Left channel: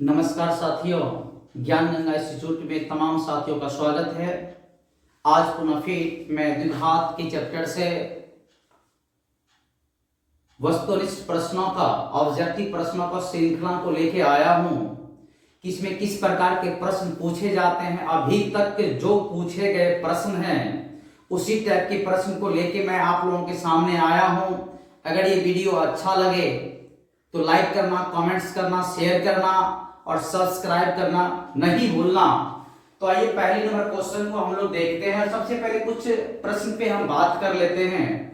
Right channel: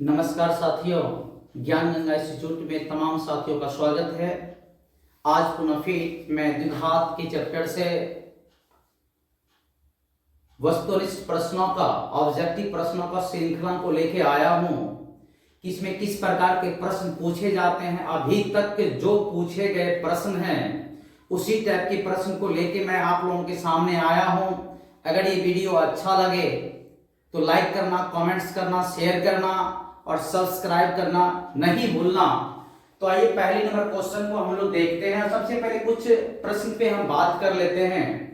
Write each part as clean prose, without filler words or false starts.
नमस्कार साथियों, ज्ञान गंगा इंस्टीट्यूट में तमाम साथियों का स्वागत है। आज पुनः फिर मैं द्विघात के चैप्टर से वस्तुनिष्ठ प्रश्नों का ऑब्जेक्टिव प्रश्नों का श्रृंखला को लेके आया हूं कि इसमें किस प्रकार के प्रश्न पूछे जाते हैं। अभी तक के जो पूछे गए प्रश्न हैं उसी टाइप के प्रश्न को लेके मैं आप लोगों के सामने आया हूं। अगर ये वीडियो अच्छा लगे तो लाइक करना, कमेंट्स करना, शेयर करना और सब्सक्राइब करना नहीं भूलना। तो आइए पहले नंबर क्वेश्चन को हम लोग देखते हैं। सबसे पहले कुछ प्रश्न पे हम बात कर लेते हैं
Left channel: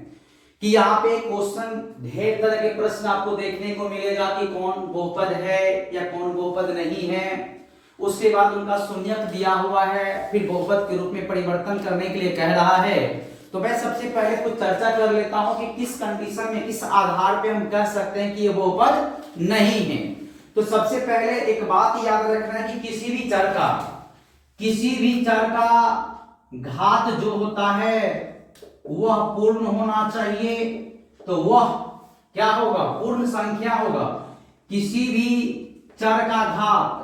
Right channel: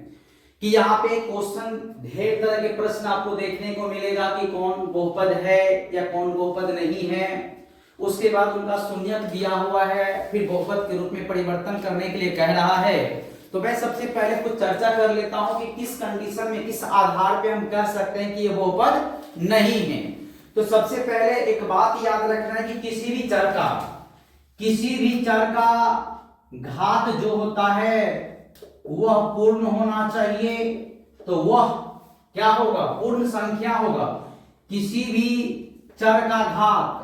कि यहाँ पे क्वेश्चन ढेर तरह के प्रश्न आपको देखने को मिलेगा कि कौन बहुपद है या कौन बहुपद नहीं है। उसके बाद उनका शून्यक दिया हुआ है, फिर बहुपद के रूप में परिवर्तन करने के लिए कह रहा है। तो मैं सबसे पहले कुछ चर्चा कर लेता हूं कि किस कंडीशन में, किस आधार पे हम कह सकते हैं कि ये बहुपद नहीं है। तो सबसे पहले एक बात याद रखना है कि किसी भी चर का घात जो होता है वह पूर्ण होना चाहिए। तो वह क्या होगा? पूर्ण संख्या होगा। किसी भी चर का घात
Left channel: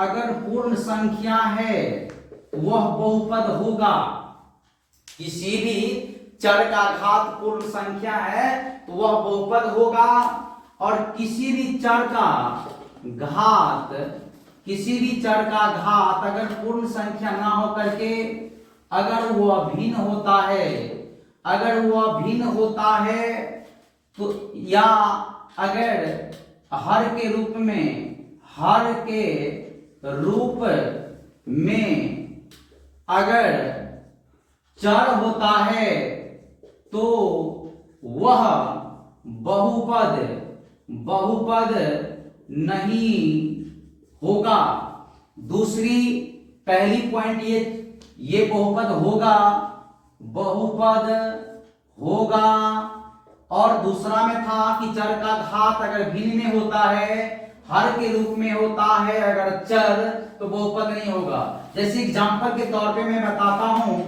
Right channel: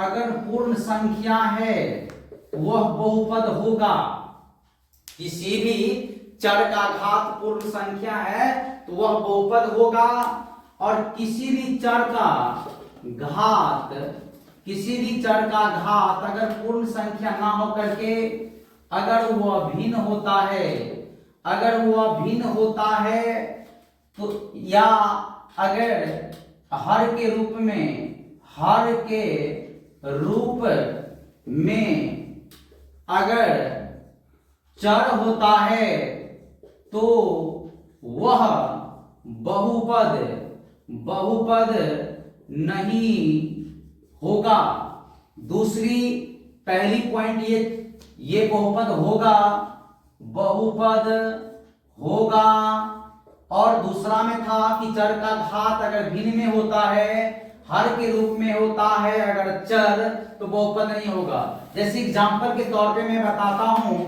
अगर पूर्ण संख्या है वह बहुपद होगा। किसी भी चर का घात पूर्ण संख्या है तो वह बहुपद होगा। और किसी भी चर का घात अगर पूर्ण संख्या ना हो करके अगर वह भिन्न होता है तो या अगर हर के रूप में अगर चर होता है तो वह बहुपद नहीं होगा। दूसरी पहली पॉइंट ये बहुपद होगा। और दूसरा में था कि चर का घात अगर भिन्न में होता है, हर के रूप में होता है अगर चर, तो बहुपद नहीं होगा। जैसे एग्जांपल के तौर पे मैं बताता हूं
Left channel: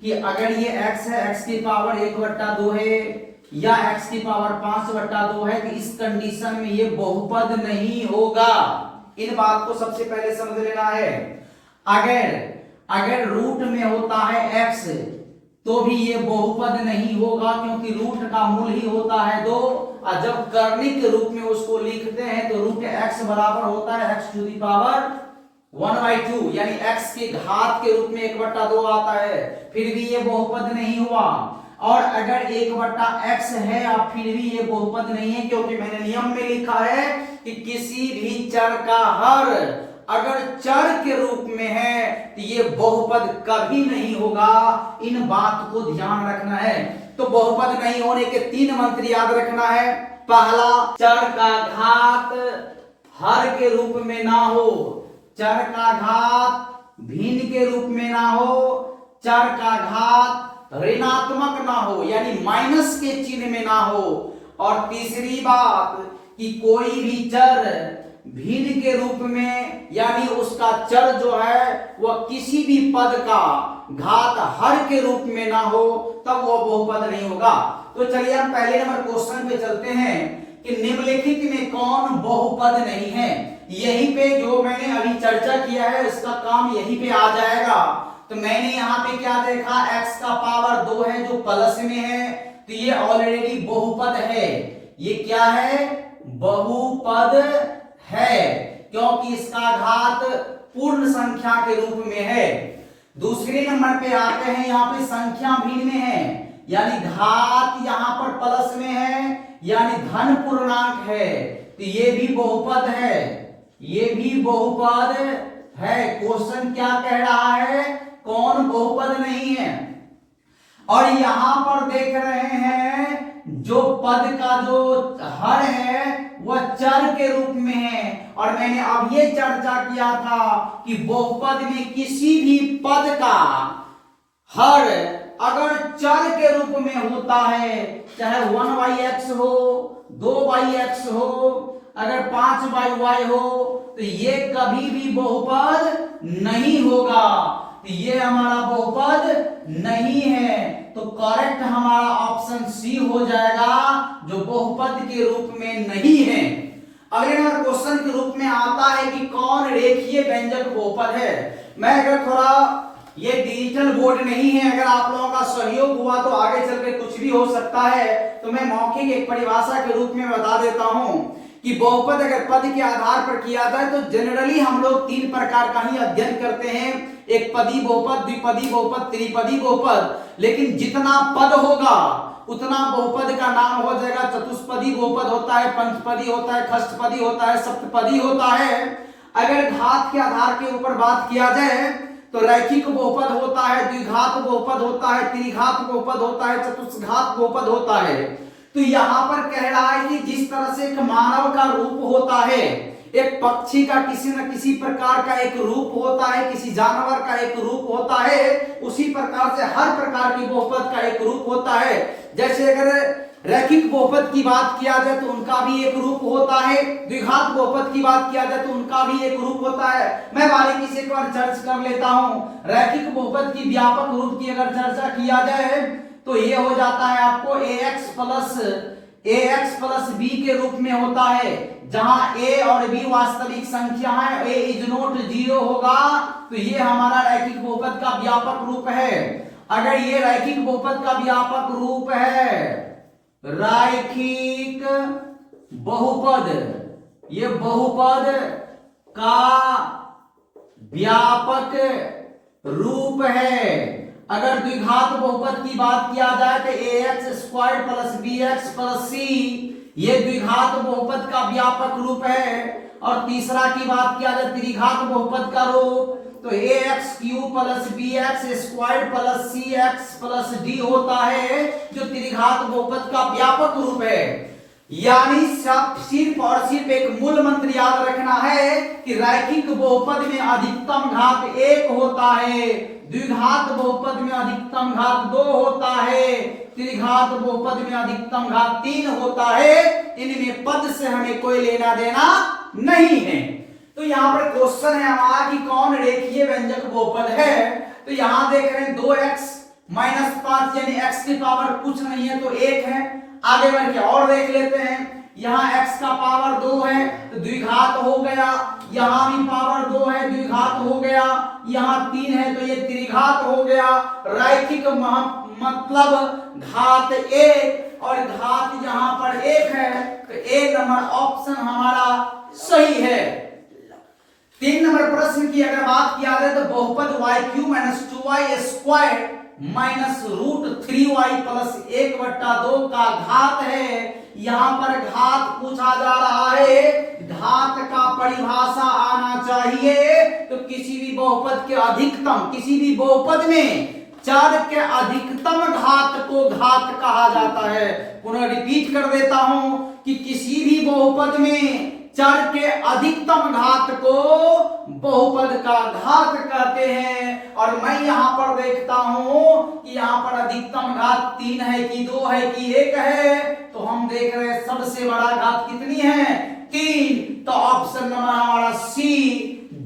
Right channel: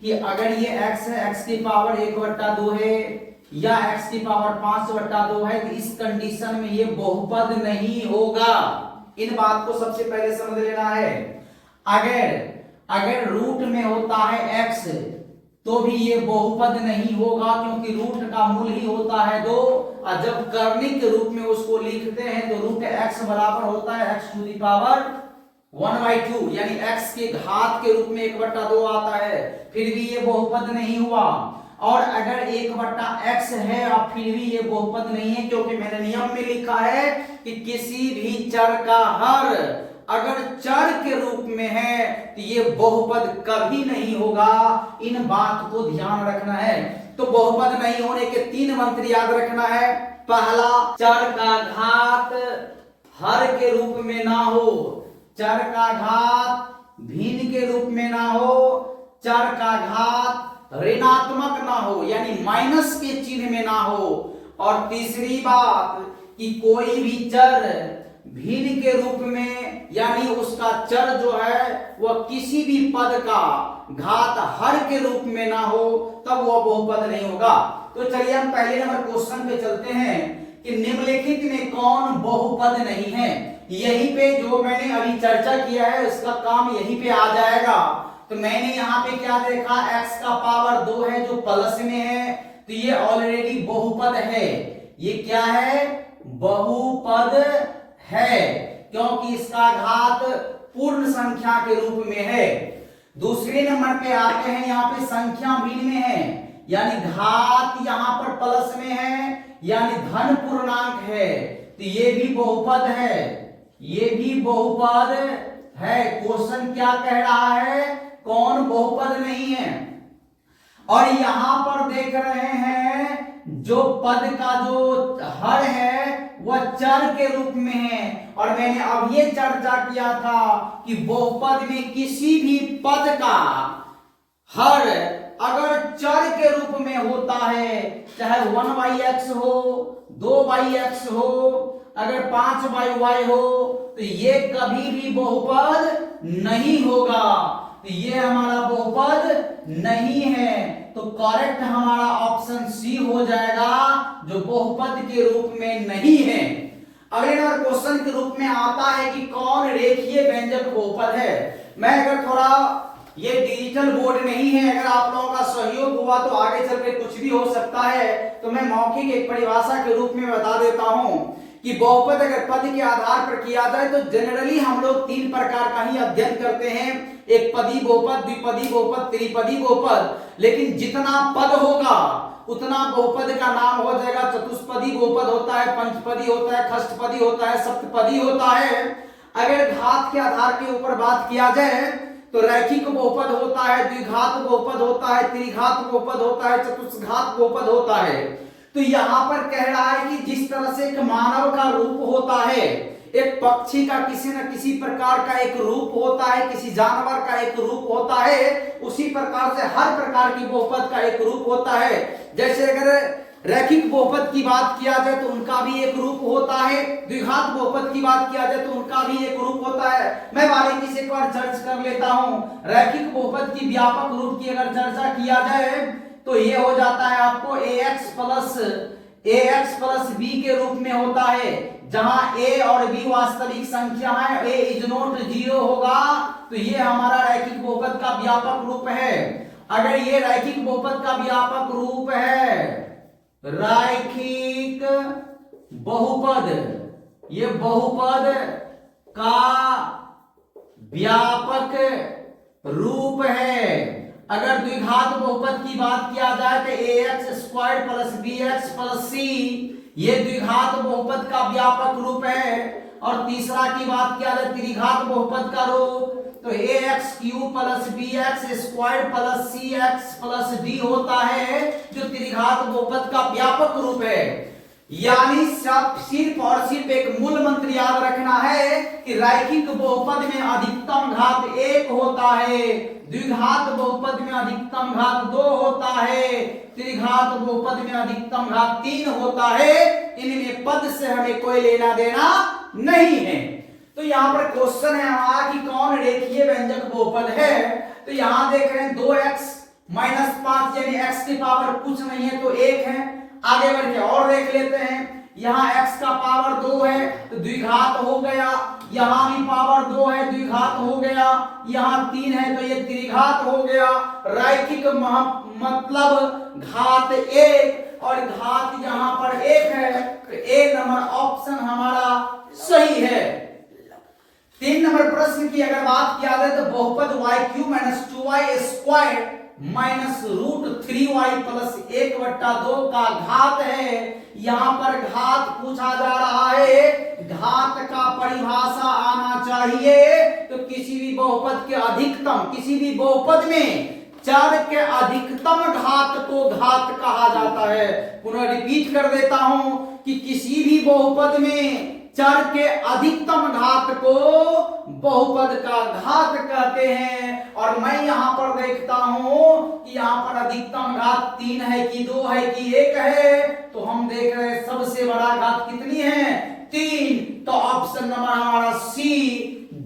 कि अगर ये x है, x की पावर 1/2 है या x की पावर 5/2 है, तो इस कंडीशन में ये बहुपद नहीं होगा। इन बात को सबसे पहले समझ लेना है। अगर रूट में होता है x तो भी ये बहुपद नहीं होगा, क्योंकि रूट का मूल ही होता है 2। और जब कर्णिक रूप में उसको लिखते हैं तो रूट x बराबर होता है x⁴ 1/2, यानी x के घात के रूप में 1/2 आता है, फिर भी ये बहुपद नहीं हुआ। और अगर 1/x है और फिर भी ये बहुपद नहीं है, क्योंकि मैंने नियम में लिखा है कि किसी भी चर का हर अगर चर के रूप में है तो ये बहुपद कभी नहीं होगा। इन बात को ध्यान रखना है। तो बहुपद नहीं होने के 3 मंत्र याद रखना है। पहला, चर का घात हर के रूप में ना हो, चर का घात भिन्न के रूप में ना हो, चर का घात ऋणात्मक ना हो यानी माइनस के चिन्ह में ना हो। और तीसरी बात कि कोई भी चर भिन्न के रूप में यानी उसका चर जो है वह किसी भी पद का घात हर के रूप में ना हो, तब वह बहुपद नहीं होगा। तो चलिए हम पहले नंबर क्वेश्चन पे चलते हैं कि निम्नलिखित में कौन बहुपद नहीं है। यहीं पे जो मैंने अभी चर्चा किया है उसका काम यहीं पे आ जाएगा। तो मैंने यहाँ पे क्या देखा, x का पावर 2 है जो प्लस में है, तो ये ऑलरेडी बहुपद है। ये क्या है? बहुपद है, क्योंकि इसका घात पूर्ण संख्या के रूप में है। दूसरे नंबर पे आते हैं, यहाँ पे संख्या भिन्न में है, यानी घात यहाँ पर प्लस में है यानी धन पूर्णांक है, तो ये भी बहुपद है। क्वेश्चन क्या कह रहा है? कौन बहुपद नहीं है? और यहां पर देख रहे हैं जो पद का जो हर है वह चर के रूप में है। और मैंने अब ये चर्चा किया था कि बहुपद में किसी भी पद का हर अगर चर के रूप में होता है, चाहे 1/x हो, 2/x हो, अगर 5/y हो, तो ये कभी भी बहुपद नहीं होगा। तो ये हमारा बहुपद नहीं है। तो करेक्ट हमारा ऑप्शन सी हो जाएगा, जो बहुपद के रूप में नहीं है। अगले नंबर क्वेश्चन के रूप में आता है कि कौन रेखीय व्यंजक बहुपद है। मैं अगर थोड़ा ये डिजिटल बोर्ड नहीं है, अगर आप लोगों का सहयोग हुआ तो आगे चल के कुछ भी हो सकता है, तो मैं मौखिक एक परिभाषा के रूप में बता देता हूं कि बहुपद अगर पद के आधार पर किया जाए तो जनरली हम लोग तीन प्रकार का ही अध्ययन करते हैं, एक पदी बहुपद, द्विपदी बहुपद, त्रिपदी बहुपद। लेकिन जितना पद होगा उतना बहुपद का नाम हो जाएगा। चतुष्पदी बहुपद होता है, पंचपदी होता है, षष्ठपदी होता है, सप्तपदी होता है। अगर घात के आधार के ऊपर बात किया जाए तो रैखिक बहुपद होता है, द्विघात बहुपद होता है, त्रिघात बहुपद होता है, चतुष्घात बहुपद होता है। तो यहां पर कह रहा है कि जिस तरह से एक मानव का रूप होता है, एक पक्षी का किसी न किसी प्रकार का एक रूप होता है, किसी जानवर का एक रूप होता है, उसी प्रकार से हर प्रकार की बहुपद का एक रूप होता है। जैसे अगर रैखिक बहुपद की बात किया जाए तो उनका भी एक रूप होता है, द्विघात बहुपद की बात किया जाए तो उनका भी एक रूप होता है। मैं बारीकी से एक बार चर्चा कर लेता हूं। रैखिक बहुपद की व्यापक रूप की अगर चर्चा किया जाए तो ये हो जाता है आपको ax प्लस b के रूप में होता है, जहां a और b वास्तविक संख्या है, a इज नॉट 0 होगा, तो ये हमारा रैखिक बहुपद का व्यापक रूप है। अगर ये रैखिक बहुपद का व्यापक रूप है, रैखिक बहुपद, ये बहुपद का व्यापक रूप है। अगर द्विघात बहुपद की बात किया जाए तो ax square plus bx plus c, ये द्विघात बहुपद का व्यापक रूप है। और तीसरा की बात किया जाए त्रिघात बहुपद का रूप, तो ax cube plus bx square plus cx plus d होता है, जो त्रिघात बहुपद का व्यापक रूप है। यानी सिर्फ और सिर्फ एक मूल मंत्र याद रखना है कि रैखिक बहुपद में अधिकतम घात 1 होता है, द्विघात बहुपद में अधिकतम घात 2 होता है, त्रिघात बहुपद में अधिकतम घात 3 होता है। इनमें पद से हमें कोई लेना देना नहीं है। तो यहाँ पर क्वेश्चन है हमारा कि कौन रेखीय व्यंजक बहुपद है। तो यहाँ देख रहे हैं 2x माइनस 5 यानी x की पावर कुछ नहीं है तो 1 है। आगे बढ़ के और देख लेते हैं, यहाँ x का पावर 2 है तो द्विघात हो गया, यहाँ भी पावर 2 है द्विघात हो गया, यहाँ 3 है तो ये त्रिघात हो गया। रैखिक मतलब घात 1 और घात यहाँ पर 1 है, तो ए नंबर ऑप्शन हमारा सही है। 3 नंबर प्रश्न की अगर बात किया जाए तो बहुपद y³ minus 2y square minus root 3y plus 1/2 का घात है। यहां पर घात पूछा जा रहा है, घात का परिभाषा आना चाहिए। तो किसी भी बहुपद के अधिकतम, किसी भी बहुपद में चर के अधिकतम घात को घात कहा जाता है। पुनः रिपीट कर देता हूं कि किसी भी बहुपद में चर के अधिकतम घात को बहुपद का घात कहते हैं। और मैं यहां पर देखता हूं कि यहां पर अधिकतम घात 3 है कि 2 है कि 1 है, तो हम देख रहे हैं सबसे बड़ा घात कितनी है, 3। तो ऑप्शन नंबर हमारा सी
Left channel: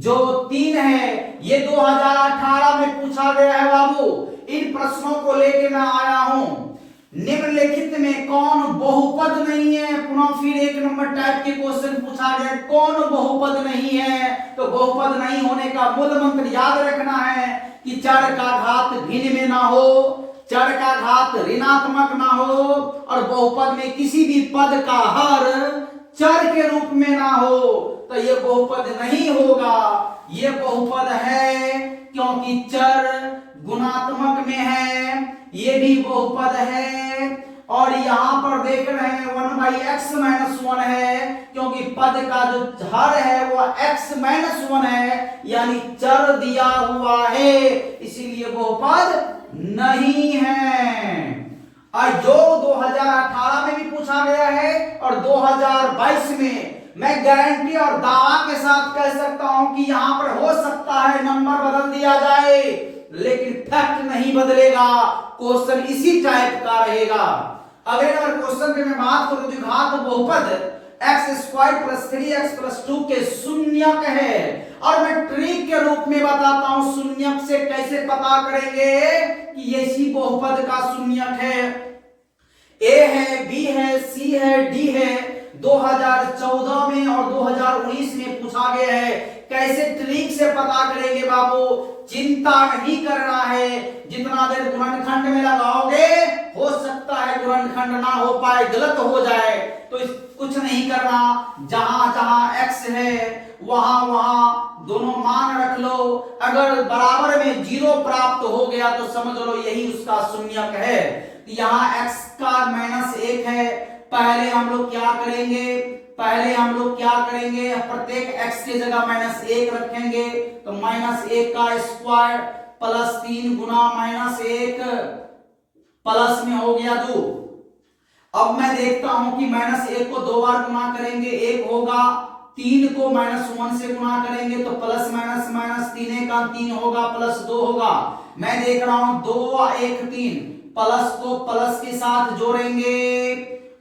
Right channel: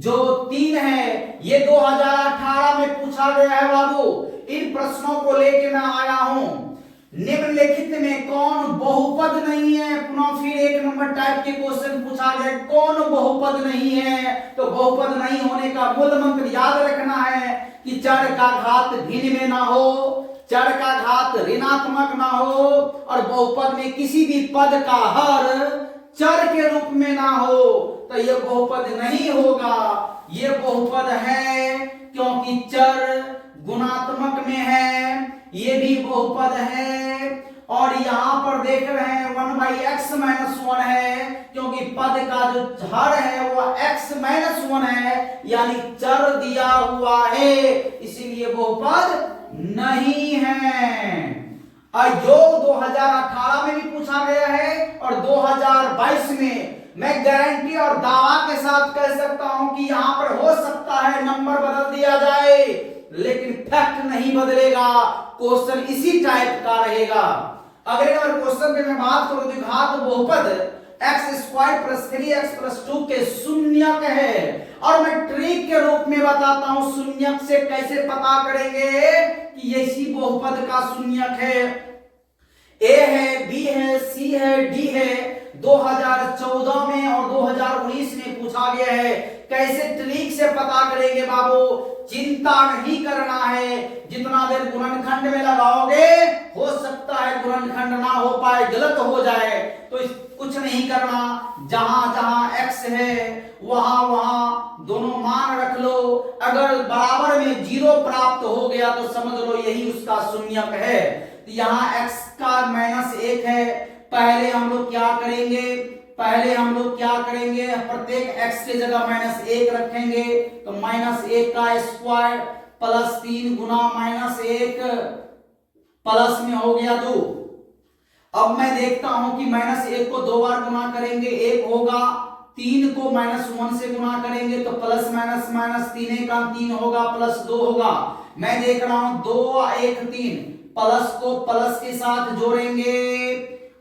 जो 3 है, ये 2018 में पूछा गया है बाबू। इन प्रश्नों को लेके मैं आया हूं। निम्नलिखित में कौन बहुपद नहीं है, पुनः फिर 1 नंबर टाइप के क्वेश्चन पूछा गया, कौन बहुपद नहीं है। तो बहुपद नहीं होने का मूल मंत्र याद रखना है कि चर का घात भिन्न में ना हो, चर का घात ऋणात्मक ना हो, और बहुपद में किसी भी पद का हर चर के रूप में ना हो, तो ये बहुपद नहीं होगा। ये बहुपद है क्योंकि चर गुणात्मक में है, ये भी बहुपद है। और यहां पर देख रहे हैं 1/x-1 है, क्योंकि पद का जो हर है वो x-1 है, यानी चर दिया हुआ है, इसीलिए बहुपद नहीं है। और जो 2018 में भी पूछा गया है और 2022 में, मैं गारंटी और दावा के साथ कह सकता हूं कि यहां पर हो सकता है नंबर बदल दिया जाए, लेकिन फैक्ट नहीं बदलेगा, क्वेश्चन इसी टाइप का रहेगा। अगले नंबर क्वेश्चन पे मैं बात करूं तो घात बहुपद x² + 3x + 2 के शून्यक है, और मैं ट्रिक के रूप में बताता हूं शून्यक से कैसे पता करेंगे कि ये इसी बहुपद का शून्यक है। a है, b है, c है, d है, 2014 में और 2019 में पूछा गया है। कैसे ट्रिक से पता करेंगे बाबू, चिंता नहीं करना है, जितना देर गुणनखंड में लगाओगे हो सकता है गुणनखंड ना हो पाए, गलत हो जाए, तो कुछ नहीं करना, जहां जहां x है वहां वहां दोनों मान रख लो। अगर बराबर में 0 प्राप्त हो गया तो समझ लो यही उसका शून्यक है। यहाँ x का -1 है, पहले हम लोग क्या करेंगे, प्रत्येक x की जगह -1 रखेंगे, तो -1 का स्क्वायर प्लस 3 गुना -1 प्लस में हो गया 2। अब मैं देखता हूं कि -1 को 2 बार गुना करेंगे 1 होगा, 3 को -1 से गुना करेंगे तो प्लस माइनस माइनस 3 का 3 होगा प्लस 2 होगा। मैं देख रहा हूं 2 1 3, प्लस को प्लस के साथ जोड़ेंगे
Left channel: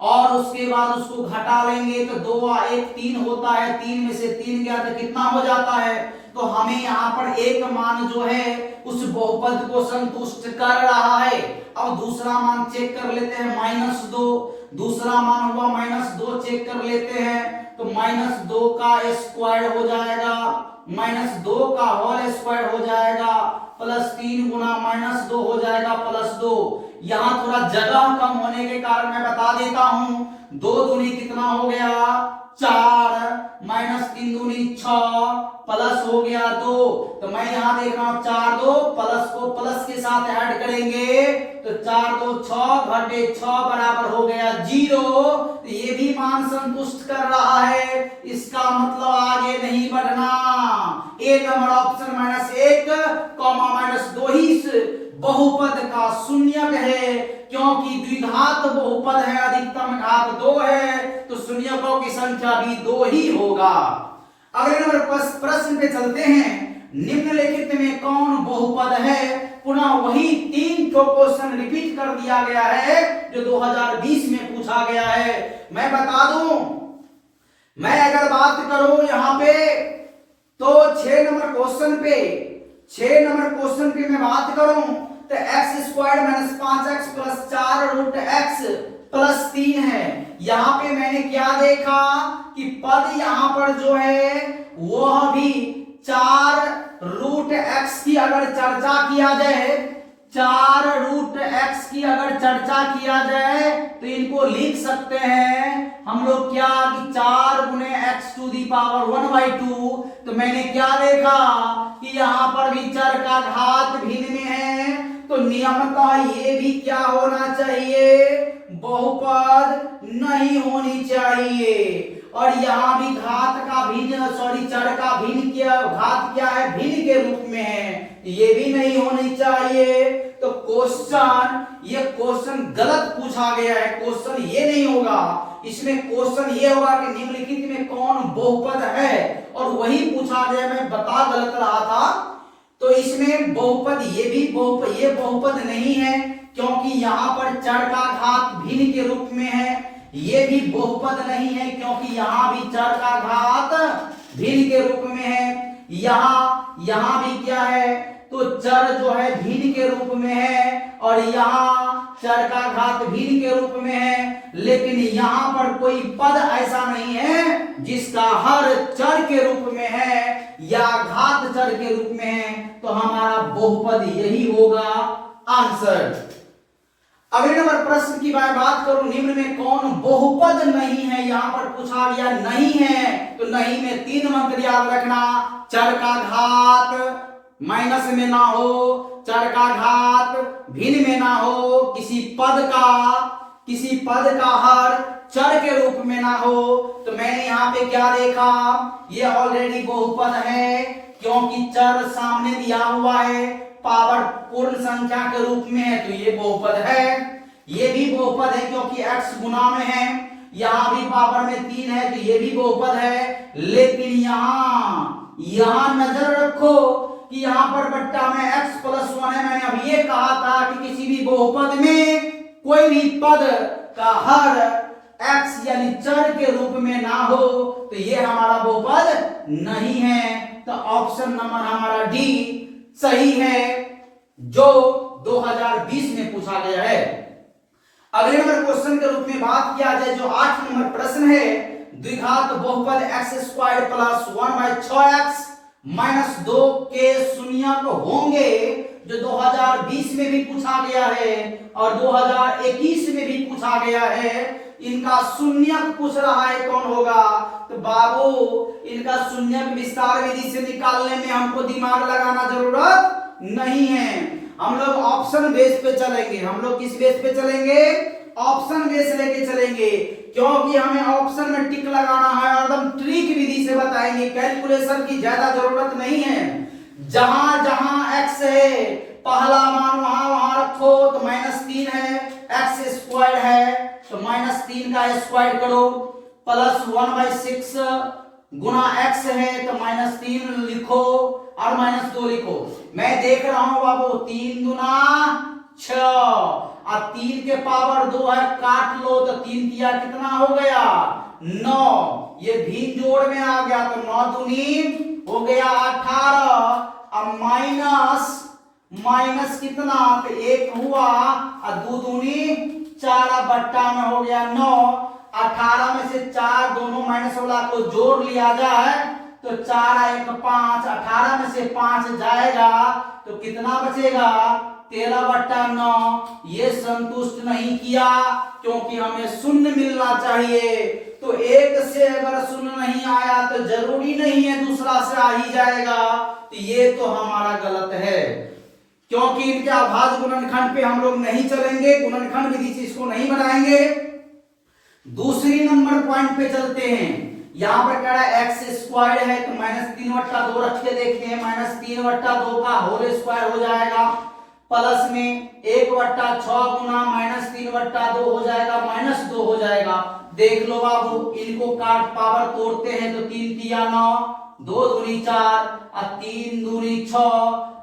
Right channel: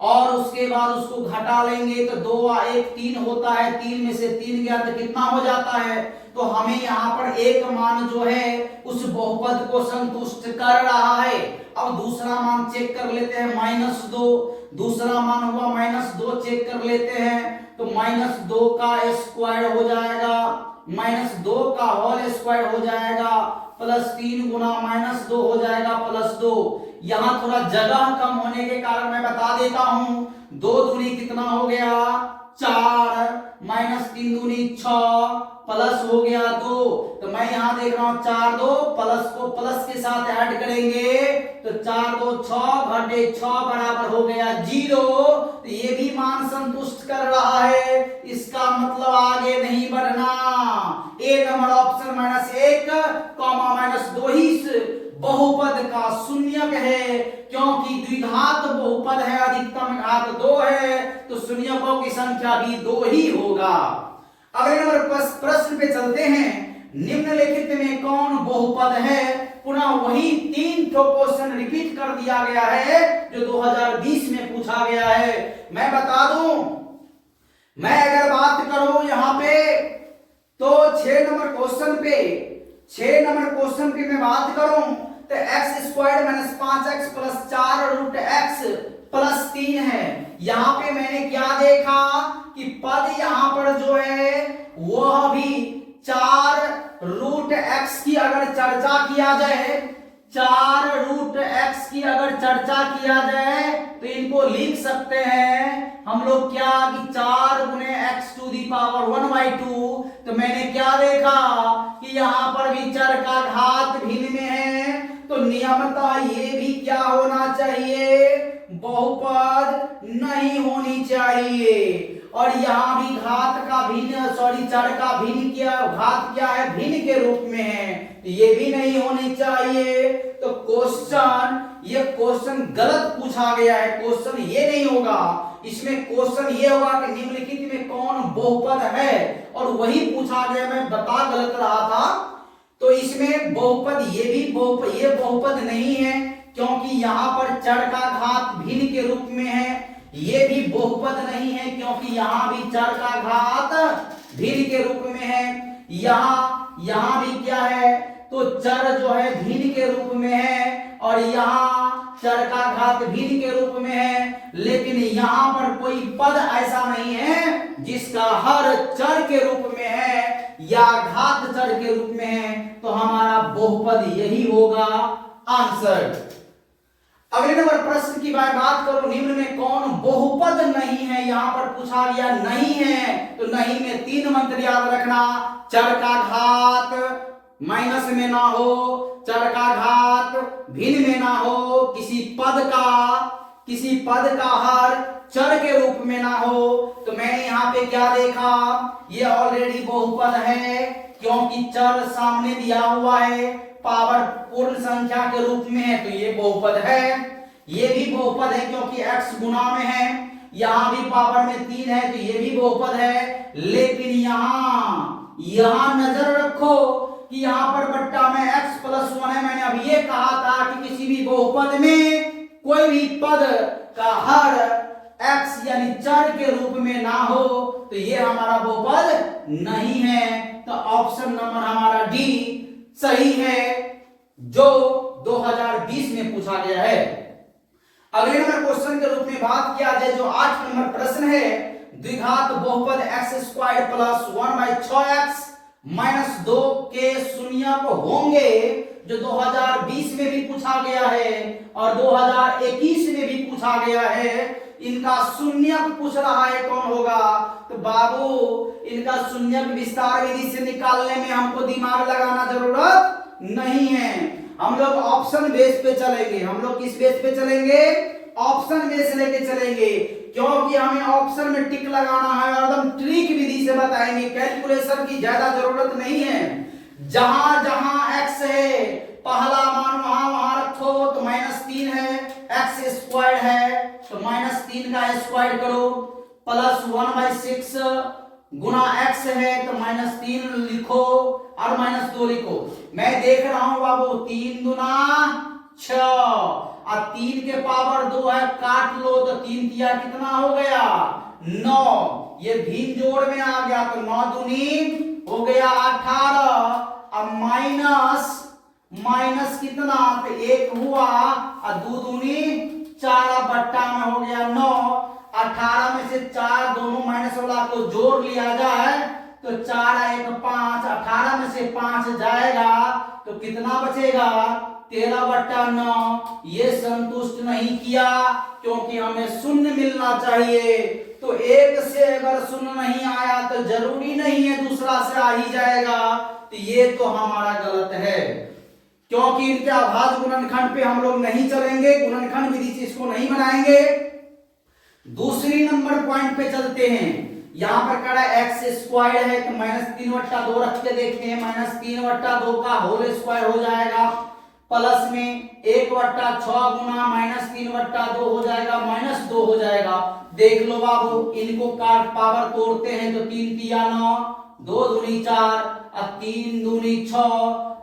और उसके बाद उसको घटा लेंगे तो 2 1 3 होता है, 3 में से 3 गया तो कितना हो जाता है, तो हमें यहाँ पर एक मान जो है उस बहुपद को संतुष्ट कर रहा है। अब दूसरा मान चेक कर लेते हैं, -2, दूसरा मान हुआ -2, चेक कर लेते हैं, तो -2 का स्क्वायर हो जाएगा, -2 का होल स्क्वायर हो जाएगा, प्लस 3 गुना -2 हो जाएगा प्लस 2। यहाँ थोड़ा जगह कम होने के कारण मैं बता देता हूं, 2 दूनी कितना हो गया 4, -3 दूनी 6, प्लस हो गया 2, तो मैं यहाँ देख रहा हूं 4 2, प्लस को प्लस के साथ ऐड करेंगे तो 4 2 6 घटे 6 बराबर हो गया 0। तो ये भी मान संतुष्ट कर रहा है, इसका मतलब आगे नहीं बढ़ना। ए नंबर ऑप्शन -1, -2 ही इस बहुपद का शून्यक है, क्योंकि द्विघात बहुपद है, अधिकतम घात 2 है, तो शून्यकों की संख्या भी 2 ही होगा। अगले नंबर प्रश्न पे चलते हैं, निम्नलिखित में कौन बहुपद है। पुनः वही 3 क्वेश्चन रिपीट कर दिया गया है जो 2020 में पूछा गया है। मैं बता दूं, मैं अगर बात करूं यहां पे तो 6 नंबर क्वेश्चन पे मैं बात करूं तो x² - 5x + 4 √x + 3 है। यहां पे मैंने क्या देखा कि पद यहां पर जो है वह भी 4 √x की अगर चर्चा किया जाए, 4 √x की अगर चर्चा किया जाए तो इनको लिख सकते हैं हम लोग क्या कि 4 × x⁴ तो मैंने क्या देखा कि यहां पर भी चर का घात भिन्न में है, तो नियमतः ये भी क्या होना चाहिए, बहुपद नहीं होनी चाहिए। और यहाँ भी घात का भिन्न चर का भिन्न क्या, घात क्या है, भिन्न के रूप में है, ये भी नहीं होनी चाहिए। तो ये क्वेश्चन गलत पूछा गया है, क्वेश्चन ये नहीं होगा, इसमें क्वेश्चन ये होगा कि निम्नलिखित में कौन बहुपद है, और वही पूछा गया, मैं बता गलत रहा था। तो इसमें बहुपद ये बहुपद नहीं है, क्योंकि यहाँ पर चर का घात भिन्न के रूप में है। ये भी बहुपद नहीं है, क्योंकि यहाँ भी चर का घात भिन्न के रूप में है। यहाँ भी क्या है, तो चर जो है भिन्न के रूप में है, और यहाँ चर का घात भिन्न के रूप में है। लेकिन यहाँ पर कोई पद ऐसा नहीं है जिसका हर चर के रूप में है या घात चर के रूप में है, तो हमारा बहुपद यही होगा आंसर। अगले नंबर प्रश्न की मैं बात करूं, निम्न में कौन बहुपद नहीं है, यहां पर पूछा गया नहीं है, तो नहीं में 3 मंत्र याद रखना, चर का घात माइनस में ना हो, चर का घात भिन्न में ना हो, किसी पद का हर चर के रूप में ना हो। तो मैंने यहाँ पे क्या देखा, ये ऑलरेडी बहुपद है, क्योंकि चर सामने दिया हुआ है, पावर पूर्ण संख्या के रूप में है, तो ये बहुपद है। ये भी बहुपद है क्योंकि x गुना में है, यहां भी पावर में 3 है, तो ये भी बहुपद है। लेकिन यहां नजर रखो कि यहां पर बट्टा में x + 1 है। मैंने अभी ये कहा था कि किसी भी बहुपद में कोई भी पद का हर x यानी चर के रूप में ना हो, तो ये हमारा बहुपद नहीं है। तो ऑप्शन नंबर हमारा डी सही है, जो 2020 में पूछा गया है। अगले नंबर क्वेश्चन के रूप में बात किया जाए जो 8 नंबर प्रश्न है, द्विघात बहुपद x square plus 1/6x minus 2 के शून्यक होंगे, जो 2020 में भी पूछा गया है और 2021 में भी पूछा गया है। इनका शून्यक पूछ रहा है, कौन होगा? तो बाबू इनका शून्यक विस्तार विधि से निकालने में हमको दिमाग लगाना जरूरत नहीं है। हम लोग ऑप्शन बेस पे चलेंगे। हम लोग किस बेस पे चलेंगे? ऑप्शन बेस लेके चलेंगे, क्योंकि हमें ऑप्शन में टिक लगाना है और एकदम ट्रिक विधि से बताएंगे। कैलकुलेशन की ज्यादा जरूरत नहीं है। जहां जहां एक्स है पहला मान वहां वहां रखो, तो -3 है, एक्स स्क्वायर है तो -3 का स्क्वायर करो, प्लस 1/6 गुना एक्स है तो -3 लिखो और -2 लिखो। मैं देख रहा हूं बाबू 3 दूना 6 और 3 के पावर 2 है, काट लो तो 3 तिया कितना हो गया? 9। ये भिन्न जोड़ में आ गया तो 9 दूनी हो गया 18। अब माइनस कितना? तो 1 हुआ और 2 दूनी 4 बट्टा में हो गया 9। 18 में से 4 दोनों माइनस वाला को जोड़ लिया जाए तो 4 1 5, 18 में से 5 जाएगा तो कितना बचेगा? 13/9। ये संतुष्ट नहीं किया, क्योंकि हमें शून्य मिलना चाहिए। तो एक से अगर शून्य नहीं आया तो जरूरी नहीं है दूसरा से आ ही जाएगा, तो ये तो हमारा गलत है। क्योंकि इनके अभाज्य गुणनखंड पे हम लोग नहीं चलेंगे, गुणनखंड विधि से इसको नहीं बनाएंगे। दूसरी नंबर पॉइंट पे चलते हैं। यहां पर कह रहा है एक्स स्क्वायर है तो -3/2 रख के देखते हैं। -3/2 का होल स्क्वायर हो जाएगा, प्लस में 1/6 गुना -3/2 हो जाएगा, -2 हो जाएगा। देख लो बाबू, इनको काट पावर तोड़ते हैं तो 3 तिया 9, 2 दूनी 4 और 3 दूनी 6।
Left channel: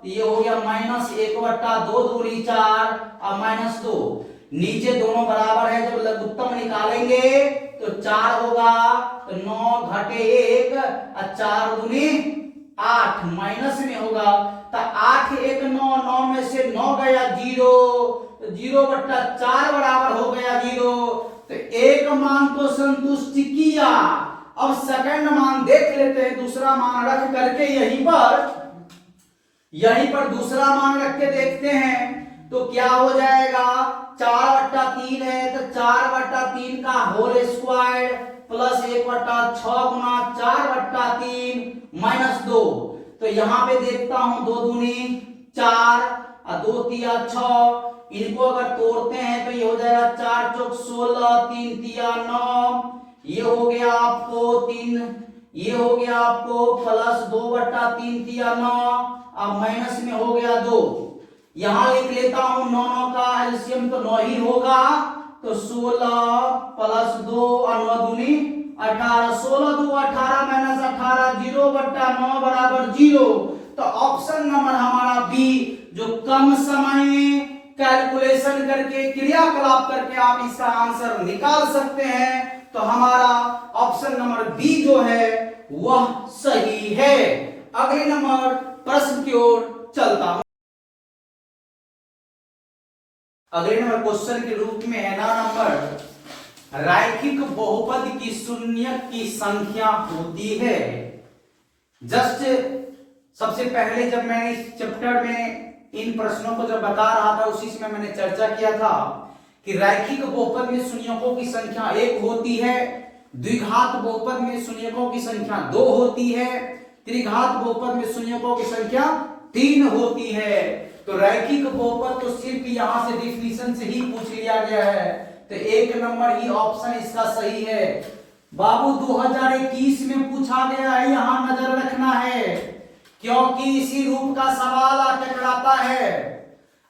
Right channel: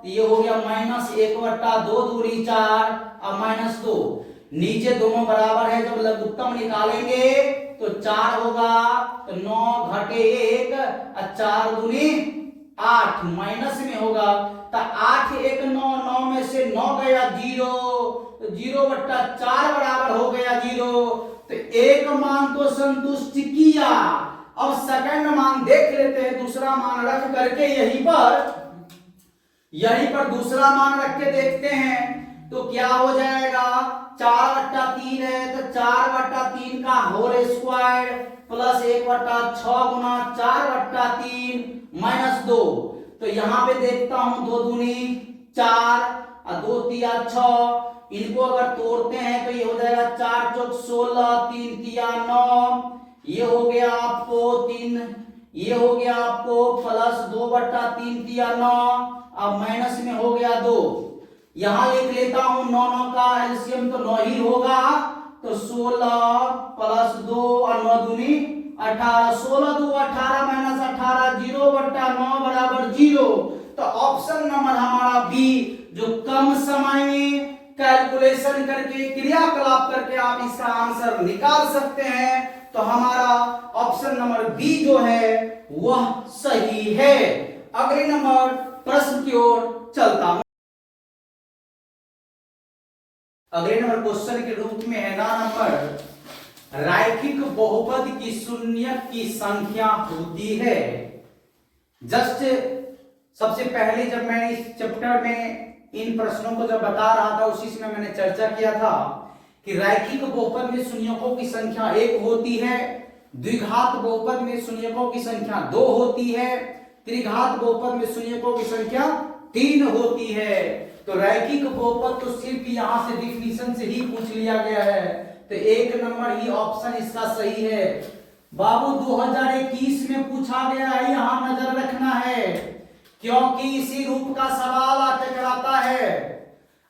ये हो गया -1/2 दूनी 4 और -2। नीचे दोनों बराबर है, जब लघुत्तम निकालेंगे तो 4 होगा तो 9 घटे 1 और 4 दूनी 8 माइनस में होगा तो 8 1 9, 9 में से 9 गया 0 तो 0/4 बराबर हो गया 0। तो एक मान को संतुष्ट किया। अब सेकंड मान देख लेते हैं, दूसरा मान रख करके यहीं पर दूसरा मान रख के देखते हैं तो क्या हो जाएगा? 4/3 है तो 4/3 का होल स्क्वायर प्लस 1/6 गुना 4/3 -2। तो यहां पे देखता हूं 2 दूनी 4 और 2 तिया 6। इनको अगर तोड़ते हैं तो ये हो जाएगा 4 चौक 16, 3 तिया 9। ये हो गया आपको 3, ये हो गया आपको प्लस 2/3 तिया 9 अब माइनस में हो गया 2। यहां लिख लेता हूं 9 9 का एलसीएम तो 9 ही होगा, तो 16 प्लस 2 और 9 दूनी 18। 16 2 18 माइनस 18 0/9 बराबर 0। तो ऑप्शन नंबर हमारा बी, जो कम समय में कैलकुलेशन करके क्रियाकलाप करके आप इसका आंसर निकाल सकते हैं, तो हमारा ऑप्शन नंबर बी जो है वह सही है। अगले नंबर प्रश्न की ओर चलता हूं। अगले नंबर क्वेश्चन के रूप में है ना नंबर, रैखिक बहुपद की शून्यक की संख्या होती है। जस्ट सबसे पहले जब मैंने इस चैप्टर में इन प्रश्नों को जब बता रहा था उसी समय मैंने चर्चा किया था कि रैखिक बहुपद में शून्यकों की संख्या 1 होती है, द्विघात बहुपद में शून्यकों की संख्या 2 होती है, त्रिघात बहुपद में शून्यकों की संख्या 3 होती है। तो रैखिक बहुपद तो सिर्फ यहां से डिफिनीशन से ही पूछ लिया गया है, तो 1 नंबर ही ऑप्शन इसका सही है। बाबू 2021 में पूछा गया है, यहां नजर रखना है क्योंकि इसी रूप का सवाल आके कराता है।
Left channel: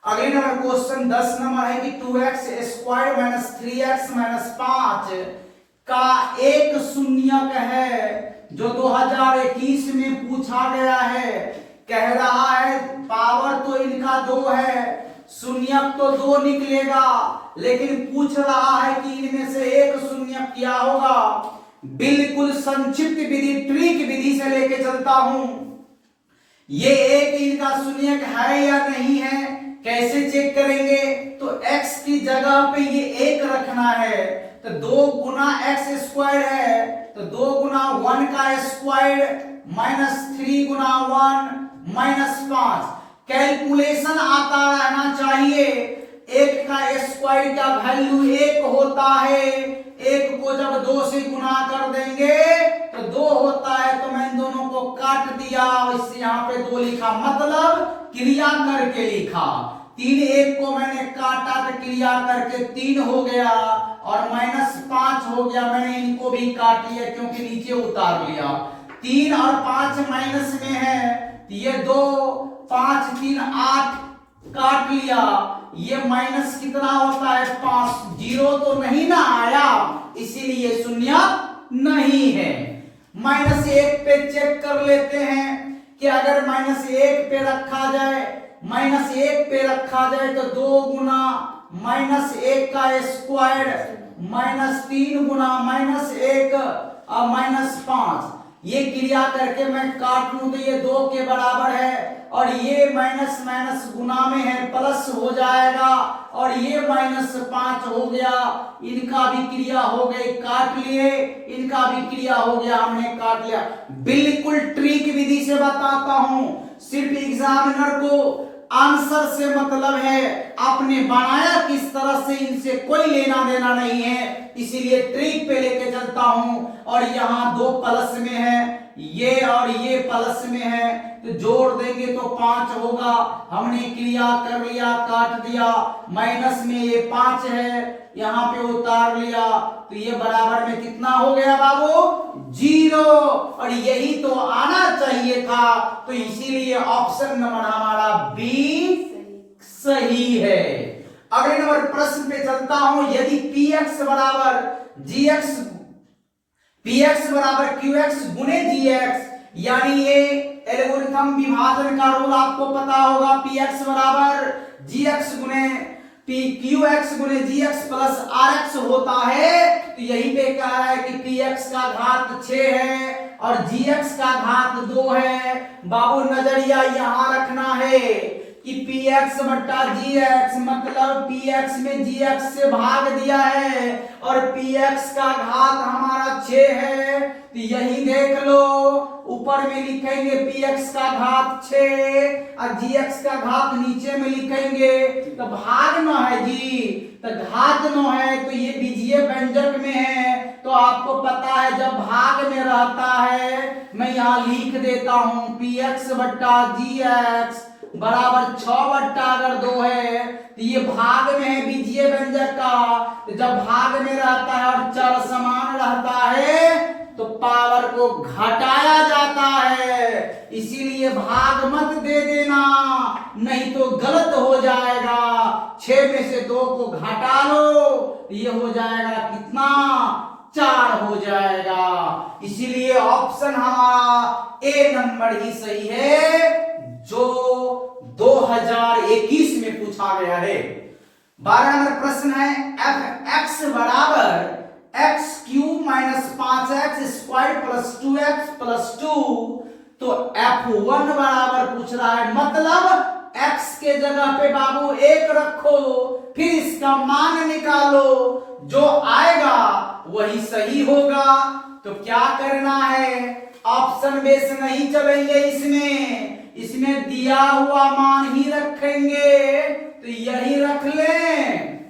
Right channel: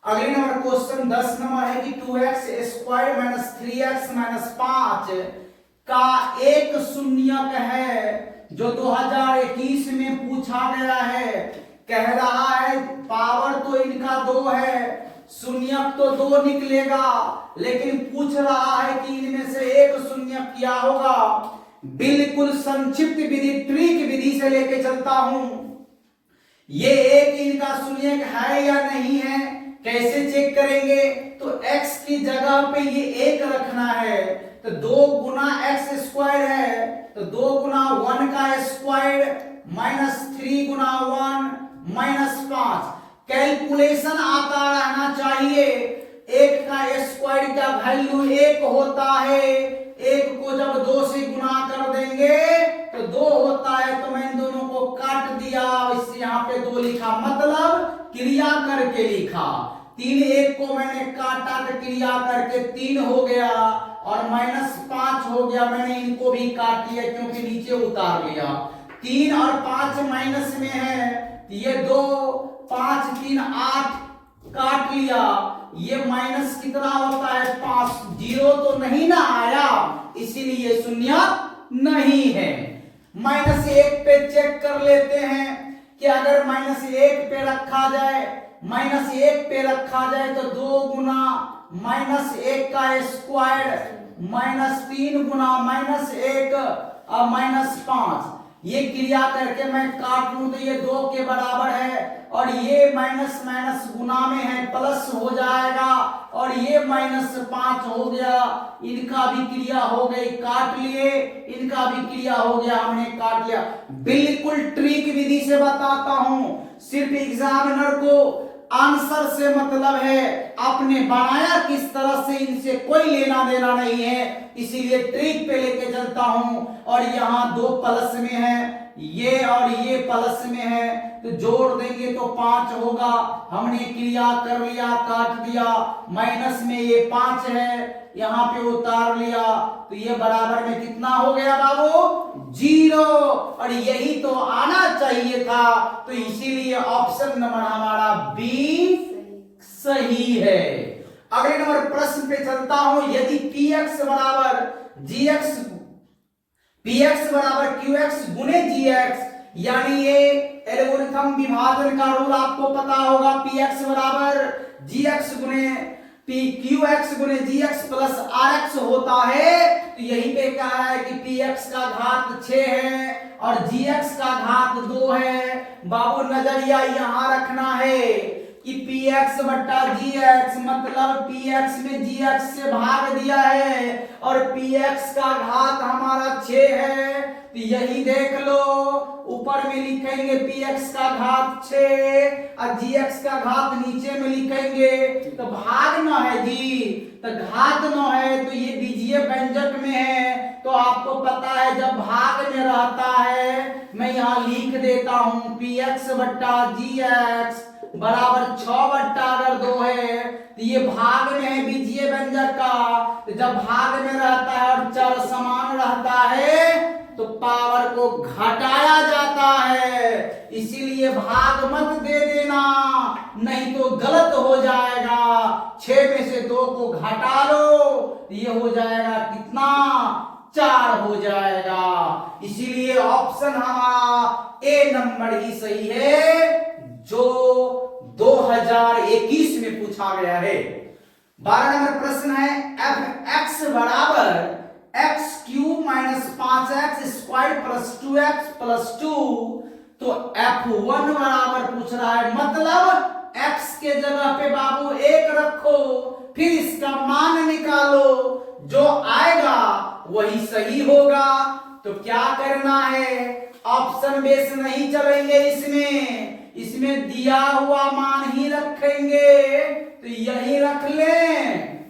अगले नंबर क्वेश्चन 10 नंबर है कि 2x² - 3x - 5 का एक शून्यक है, जो 2021 में पूछा गया है। कह रहा है पावर तो इनका 2 है, शून्यक तो 2 निकलेगा, लेकिन पूछ रहा है कि इनमें से एक शून्यक क्या होगा। बिल्कुल संक्षिप्त विधि ट्रिक विधि से लेके चलता हूं। ये एक इनका शून्यक है या नहीं है, कैसे चेक करेंगे? तो x की जगह पे ये एक रखना है, तो 2 गुना एक्स स्क्वायर है, तो 2 गुना 1 का स्क्वायर माइनस 3 गुना 1 माइनस 5। कैलकुलेशन आता रहना चाहिए। एक का स्क्वायर का वैल्यू 1 होता है, एक को जब 2 से गुना कर देंगे तो 2 होता है, तो मैं इन दोनों को काट दिया, इससे यहाँ पे 2 लिखा, मतलब क्रिया करके लिखा। 3 1 को मैंने काटा तो क्रिया करके 3 हो गया, और माइनस 5 हो गया, मैंने इनको भी काट लिया क्योंकि नीचे उतार लिया। 3 और 5 माइनस में है, ये 2 5 3 8 काट लिया, ये माइनस कितना होता है 5, 0 तो नहीं ना आया, इसीलिए शून्य नहीं है। -1 पे चेक कर लेते हैं कि अगर -1 पे रखा जाए, -1 पे रखा जाए तो 2 गुना -1 का स्क्वायर -3 गुना -1 और -5, ये क्रिया करके मैं काट लूं तो ये 2 के बराबर है, और ये माइनस माइनस गुना में है, प्लस हो जाएगा, और ये -5 हो गया, इनका भी क्रिया हो गई, काट लिए, इनका भी क्रिया हो गया, हमने काट लिया। बिल्कुल ट्रिक विधि से बताता हूं, सिर्फ एग्जामिनर को आंसर से मतलब है, आपने बनाया किस तरह से इनसे कोई लेना देना नहीं है, इसीलिए ट्रिक पे लेके चलता हूं। और यहाँ 2 प्लस में है, ये और ये प्लस में है, तो जोड़ देंगे तो 5 होगा, हमने क्रिया कर लिया, काट दिया, माइनस में ये 5 है, यहाँ पे उतार लिया, तो ये बराबर में कितना हो गया बाबू? 0। और यही तो आना चाहिए था, तो इसीलिए ऑप्शन नंबर हमारा बी सही है। अगले नंबर प्रश्न पे चलता हूं, यदि px बराबर gx, px बराबर qx गुने gx, यानी ये एल्गोरिथम विभाजन का रूल आपको पता होगा, px बराबर gx गुने qx गुने gx प्लस rx होता है, तो यही पे कहा है कि px का घात 6 है और gx का घात 2 है। बाबू नजरिया यहां रखना है कि px बट्टा gx, मतलब px में gx से भाग दिया है, और px का घात हमारा 6 है, तो यही देख लो, ऊपर में लिखेंगे px का घात 6 और gx का घात नीचे में लिखेंगे, तो भाग न है जी, तो घात न है, तो ये बीजीय व्यंजक में है, तो आपको पता है जब भाग में रहता है, मैं यहाँ लिख देता हूं px बट्टा gx बराबर 6 बट्टा अगर 2 है, तो ये भाग में है बीजीय व्यंजक का, तो जब भाग में रहता है और चर समान रहता है तो पावर को घटाया जाता है, इसीलिए भाग मत दे देना, नहीं तो गलत हो जाएगा। 6 में से 2 को घटा लो, ये हो जाएगा कितना? 4 हो जाएगा, इसीलिए ऑप्शन हमारा ए नंबर ही सही है, जो 2021 में पूछा गया है। 12 नंबर प्रश्न है, एफ एक्स बराबर x cube minus 5x square plus 2x plus 2, तो F1 बराबर पूछ रहा है, मतलब x के जगह पे बाबू 1 रखो, फिर इसका मान निकालो, जो आएगा वही सही होगा। तो क्या करना है, ऑप्शन बेस नहीं चलेंगे, इसमें दिया हुआ मान ही रखेंगे, तो यही रख ले,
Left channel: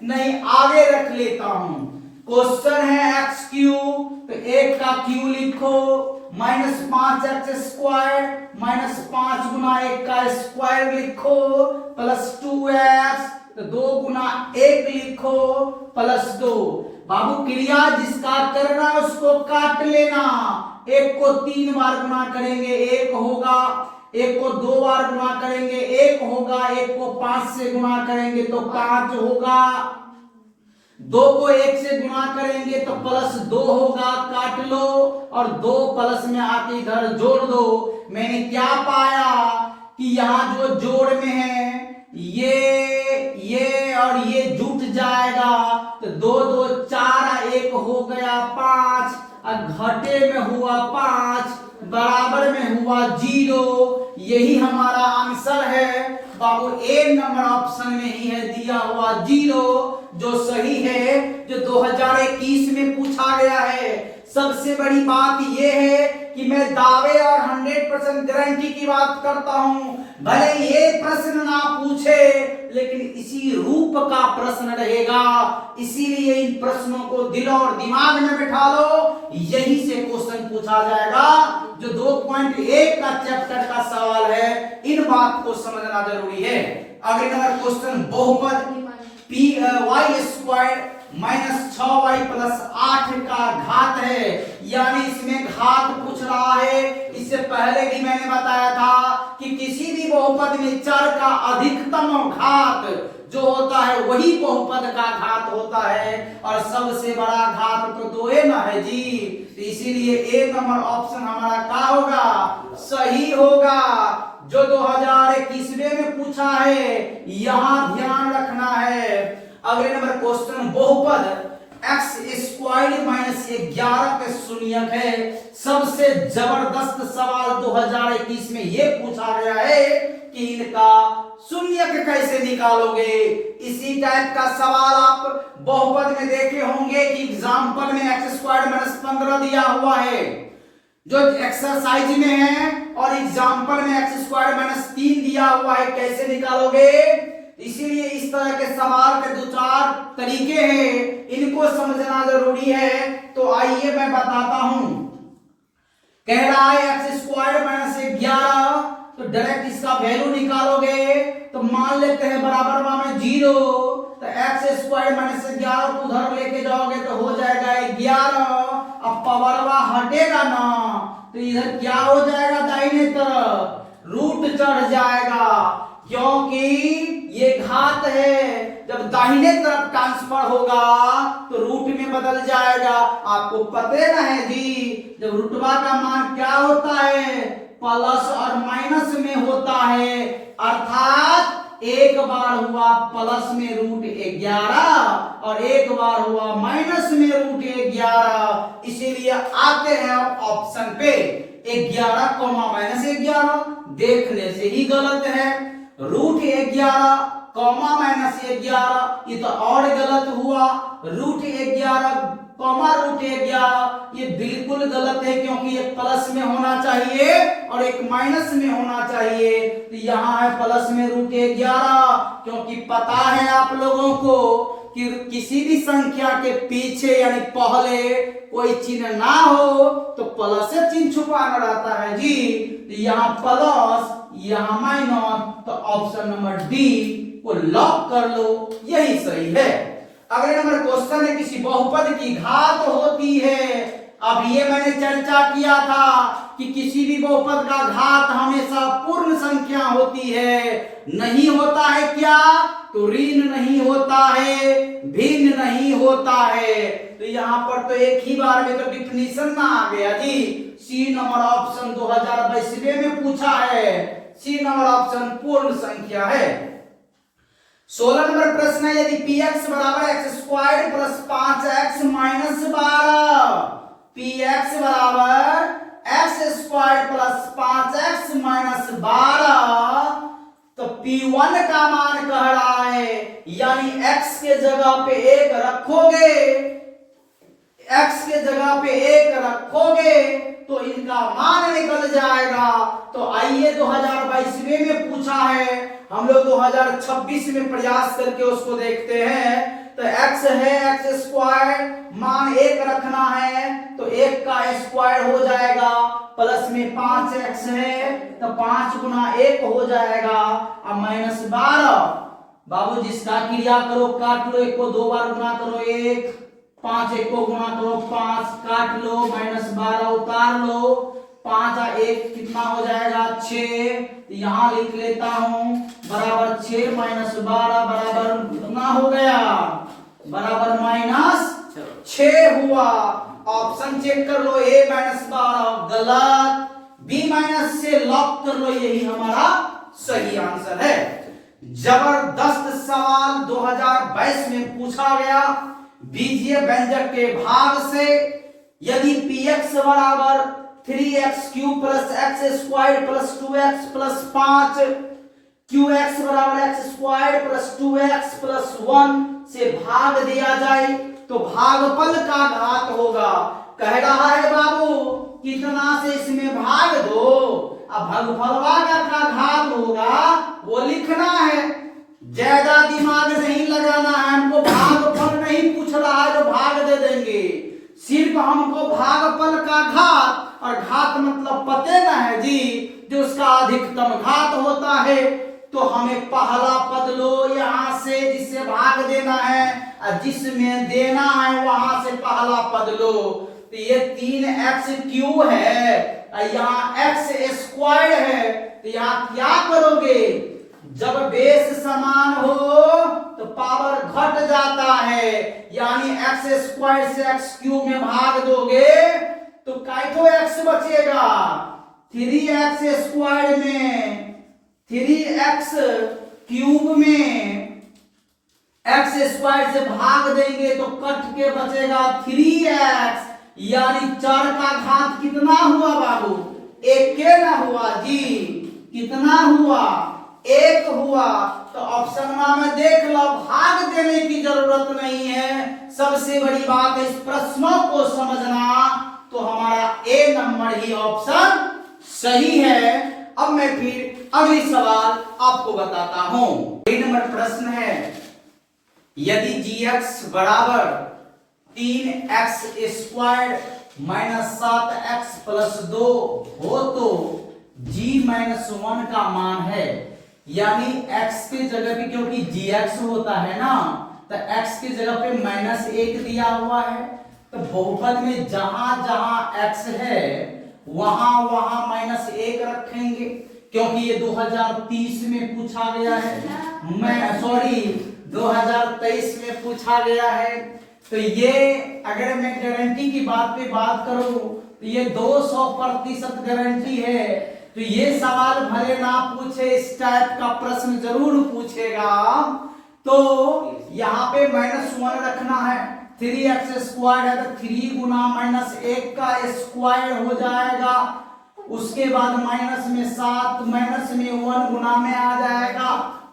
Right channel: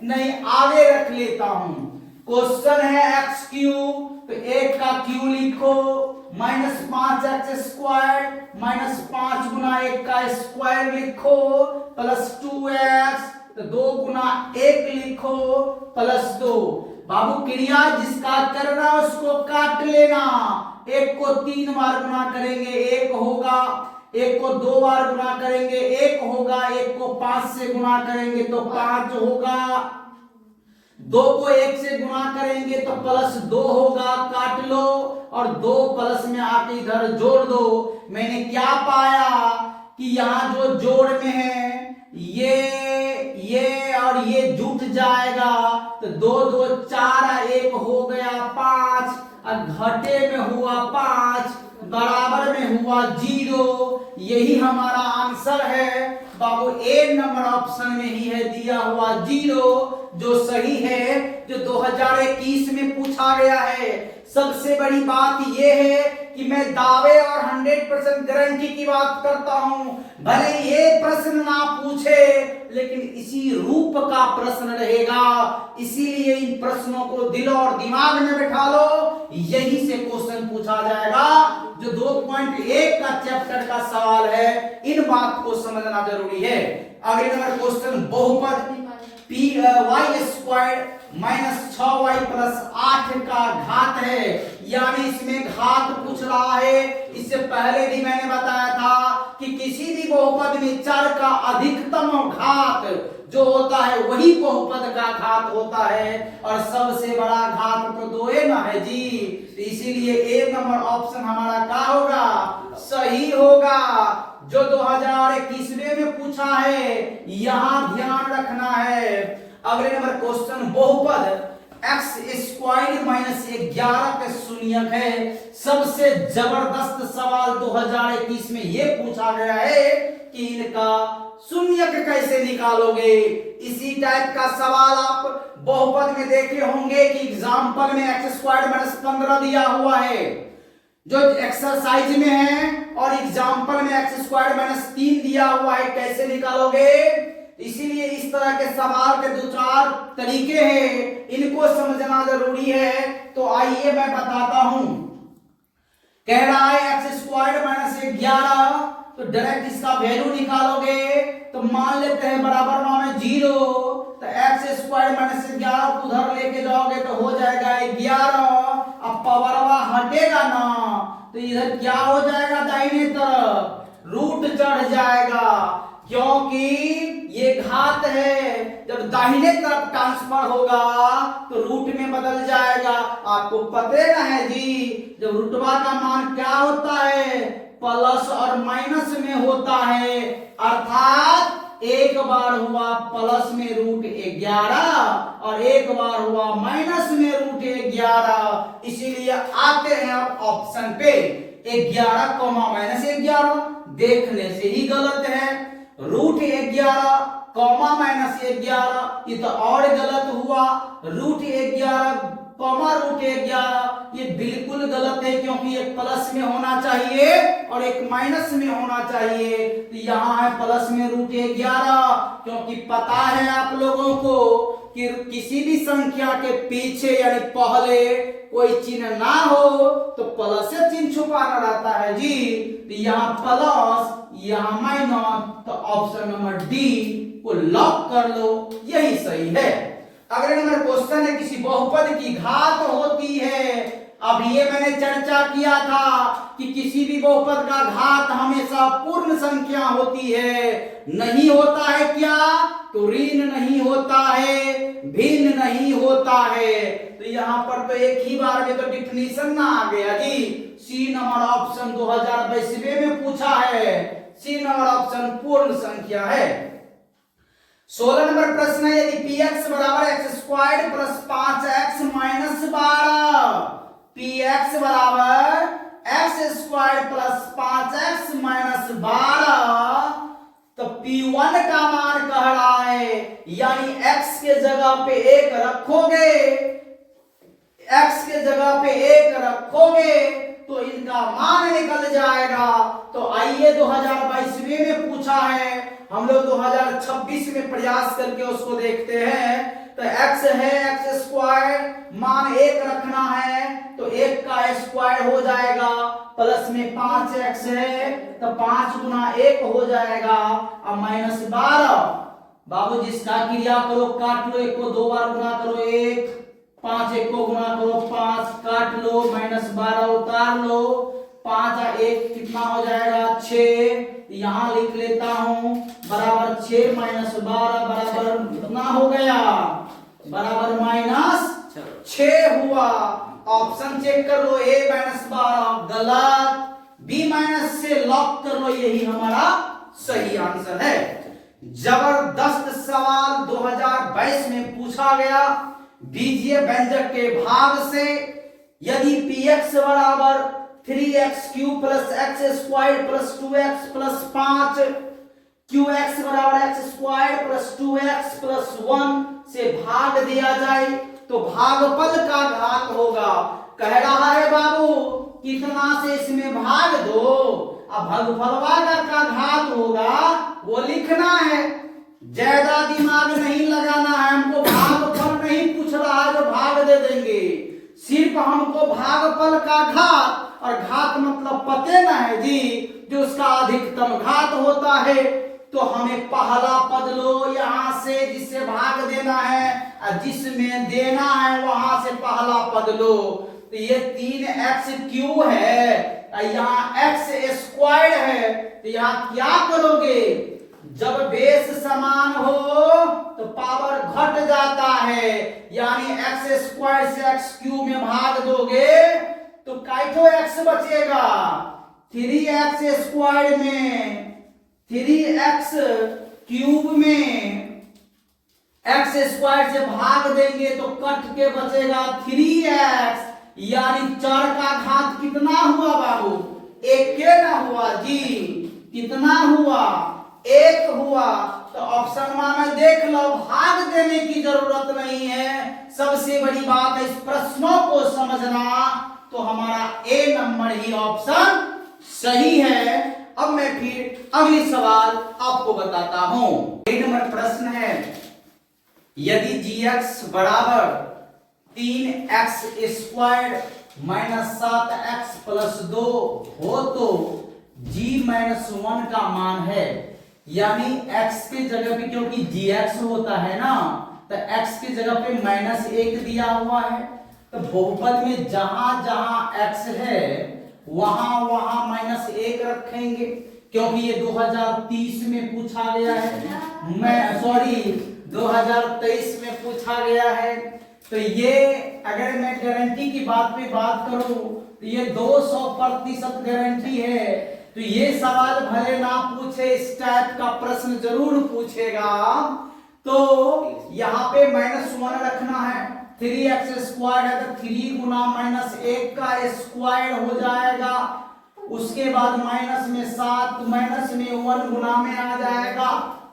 नहीं आगे रख लेता हूं। क्वेश्चन है एक्स क्यूब, तो 1 का क्यू लिखो, माइनस 5x स्क्वायर, माइनस 5 गुना 1 का स्क्वायर लिखो, प्लस 2x, तो 2 गुना 1 लिखो, प्लस 2। बाबू क्रिया जिसका करना उसको काट लेना, 1 को 3 बार गुना करेंगे 1 होगा, 1 को 2 बार गुना करेंगे 1 होगा, 1 को 5 से गुना करेंगे तो 5 होगा, 2 को 1 से गुणा करेंगे तो प्लस 2 होगा, काट लो, और 2 प्लस में आके इधर जोड़ दो। मैंने क्या पाया कि यहाँ जो जोड़ में है ये और ये जुट जाएगा, तो 2 2 4 1 हो गया 5, और घटे में हुआ 5, बराबर में हुआ 0, यही हमारा आंसर है। बाबू ए नंबर ऑप्शन में ही है दिया हुआ 0 जो सही है, जो 2021 में पूछा गया है। सबसे बड़ी बात यह है कि मैं दावे और 100% गारंटी की बात करता हूं, भले ये प्रश्न ना पूछे लेकिन इसी रूप का प्रश्न रहेगा। इसीलिए इन प्रश्नों को दिल और दिमाग में बिठा लो, यही से क्वेश्चन पूछा जाएगा। जो 2.1 का चैप्टर का सवाल है, इन बात को समझना जरूरी है। अगले नंबर क्वेश्चन बहुपद y square minus 6y plus 8 का घात है, यानी इसमें घात पूछ रहा है। इससे पहले भी मैंने बताया था कि किसी भी बहुपद में चर का अधिकतम घात जो होता है वही बहुपद का घात होता है, और सबसे बड़ा घात तो 2a ना है जी। तो इसीलिए ए नंबर ऑप्शन हमारा क्या होगा, सही होगा। जो 2021 में पूछा है, यहां ध्यान रखना है। अगले नंबर क्वेश्चन बहुपद एक्स स्क्वायर माइनस 11 के शून्यक है। सबसे जबरदस्त सवाल 2021 में यह पूछा गया है कि इनका शून्यक कैसे निकालोगे। इसी टाइप का सवाल आप बहुपद में देखे होंगे कि एग्जाम्पल में एक्स स्क्वायर माइनस 15 दिया हुआ है जो एक्सरसाइज में है, और एग्जाम्पल में एक्स स्क्वायर माइनस 3 दिया हुआ है, कैसे निकालोगे। इसीलिए इस तरह के सवाल के 2-4 तरीके हैं, इनको समझना जरूरी है। तो आइए मैं बताता हूं। कह रहा है एक्स स्क्वायर माइनस 11, तो डायरेक्ट इसका वैल्यू निकालोगे तो मान लेते हैं बराबर में 0, तो एक्स स्क्वायर माइनस 11 को उधर लेके जाओगे तो हो जाएगा 11। अब पावरवा हटेगा ना, तो इधर क्या हो जाएगा, दाहिने तरफ रूट चढ़ जाएगा, क्योंकि ये घात है। जब दाहिने तरफ ट्रांसफर होगा तो रूट में बदल जाएगा। आपको पता ना है जी, जब रूटवा का मान क्या होता है, प्लस और माइनस में होता है। अर्थात एक बार हुआ प्लस में रूट 11 और एक बार हुआ माइनस में रूट 11। इसीलिए आते हैं अब ऑप्शन पे 11 कॉमा माइनस 11। देखने से ही गलत है। रूट 11 कॉमा माइनस 11 ये तो और गलत हुआ। रूट 11 कॉमा रूट 11 ये बिल्कुल गलत है, क्योंकि एक प्लस में होना चाहिए और एक माइनस में होना चाहिए। तो यहाँ है प्लस में रूट 11, क्योंकि पता है आप लोगों को कि किसी भी संख्या के पीछे यानी पहले कोई चिन्ह ना हो तो प्लस से चिन्ह छुपाना रहता है जी। तो यहाँ प्लस यहाँ माइनस, तो ऑप्शन नंबर डी को लॉक कर लो, यही सही है। अगले नंबर क्वेश्चन है किसी बहुपद की घात होती है। अब ये मैंने चर्चा किया था कि किसी भी बहुपद का घात हमेशा पूर्ण संख्या होती है। नहीं होता है क्या, तो ऋण नहीं होता है, भिन्न नहीं होता है। तो यहाँ पर तो एक ही बार में तो डिफिनीशन ना आ गया जी। सी नंबर ऑप्शन 2022 में पूछा है, सी नंबर ऑप्शन पूर्ण संख्या है। 16 नंबर प्रश्न है, यदि px बराबर x square plus 5x minus 12, px बराबर x square plus 5x minus 12, तो p1 का मान कह रहा है, यानी x के जगह पे 1 रखोगे, x के जगह पे 1 रखोगे तो इनका मान निकल जाएगा। तो आइए 2022 में पूछा है, हम लोग 2026 में प्रयास करके उसको देखते हैं। तो x है एक्स स्क्वायर, मान 1 रखना है तो 1 का स्क्वायर हो जाएगा, प्लस में 5x है तो 5 गुना 1 हो जाएगा, अब माइनस 12। बाबू जिसका क्रिया करो काट लो, 1 को 2 बार गुना करो 1, 5 1 को गुना करो 5, काट लो, माइनस 12 उतार लो, 5 और 1 कितना हो जाएगा 6। यहां लिख लेता हूं बराबर 6 माइनस 12 बराबर कितना हो गया, बराबर माइनस 6 हुआ। ऑप्शन चेक कर लो, a माइनस 12 गलत, b माइनस से लॉक कर लो, यही हमारा सही आंसर है। जबरदस्त सवाल 2022 में पूछा गया बीजीय व्यंजक के भाग से। यदि px बराबर 3x cube plus x square plus 2x plus 5, qx बराबर x square plus 2x plus 1 से भाग दिया जाए तो भागफल का घात होगा। कह रहा है बाबू कितना से इसमें भाग दो, अब भागफलवा का घात होगा वो लिखना है, ज्यादा दिमाग नहीं लगाना है। हमको भागफल नहीं पूछ रहा है जो भाग दे देंगे, सिर्फ हमको भागफल का घात, और घात मतलब पते ना है जी, जो उसका अधिकतम घात होता है। तो हमें पहला पद लो यहां से जिससे भाग देना है, और जिसमें देना है वहां से पहला पद लो। तो ये 3x³ है, यहाँ x स्क्वायर है, तो यहाँ क्या करोगे, जब बेस समान हो तो पावर घट जाता है, यानी x स्क्वायर से x³ में भाग दोगे तो काइठो x बचेगा, 3x स्क्वायर में 3x³ में x स्क्वायर से भाग देंगे तो कट के बचेगा 3x, यानी 4 का घात कितना हुआ बाबू, 1 के ना हुआ जी, कितना हुआ, 1 हुआ। तो ऑप्शन में देख लो, भाग देने की जरूरत नहीं है। सबसे बड़ी बात है इस प्रश्नों को समझना, तो हमारा ए नंबर ही ऑप्शन सही है। अब मैं फिर अगली सवाल आपको बताता हूं। ए नंबर प्रश्न है, यदि gx बराबर 3x square minus 7x plus 2 हो तो g-1 का मान है, यानी x के जगह पे क्योंकि gx होता है ना, तो x की जगह पे -1 दिया हुआ है, तो बहुपद में जहां जहां x है वहां वहां -1 रखेंगे, क्योंकि ये 2030 में पूछा गया है, मैं सॉरी 2023 में पूछा गया है। तो ये अगर मैं गारंटी की बात पे बात करूं तो ये 200% गारंटी है। तो ये सवाल भले ना पूछे, इस टाइप का प्रश्न जरूर पूछेगा। तो यहाँ पे -1 रखना है, 3x स्क्वायर है तो 3 गुना -1 का स्क्वायर हो जाएगा, उसके बाद माइनस में 7 माइनस में 1 गुना में आ जाएगा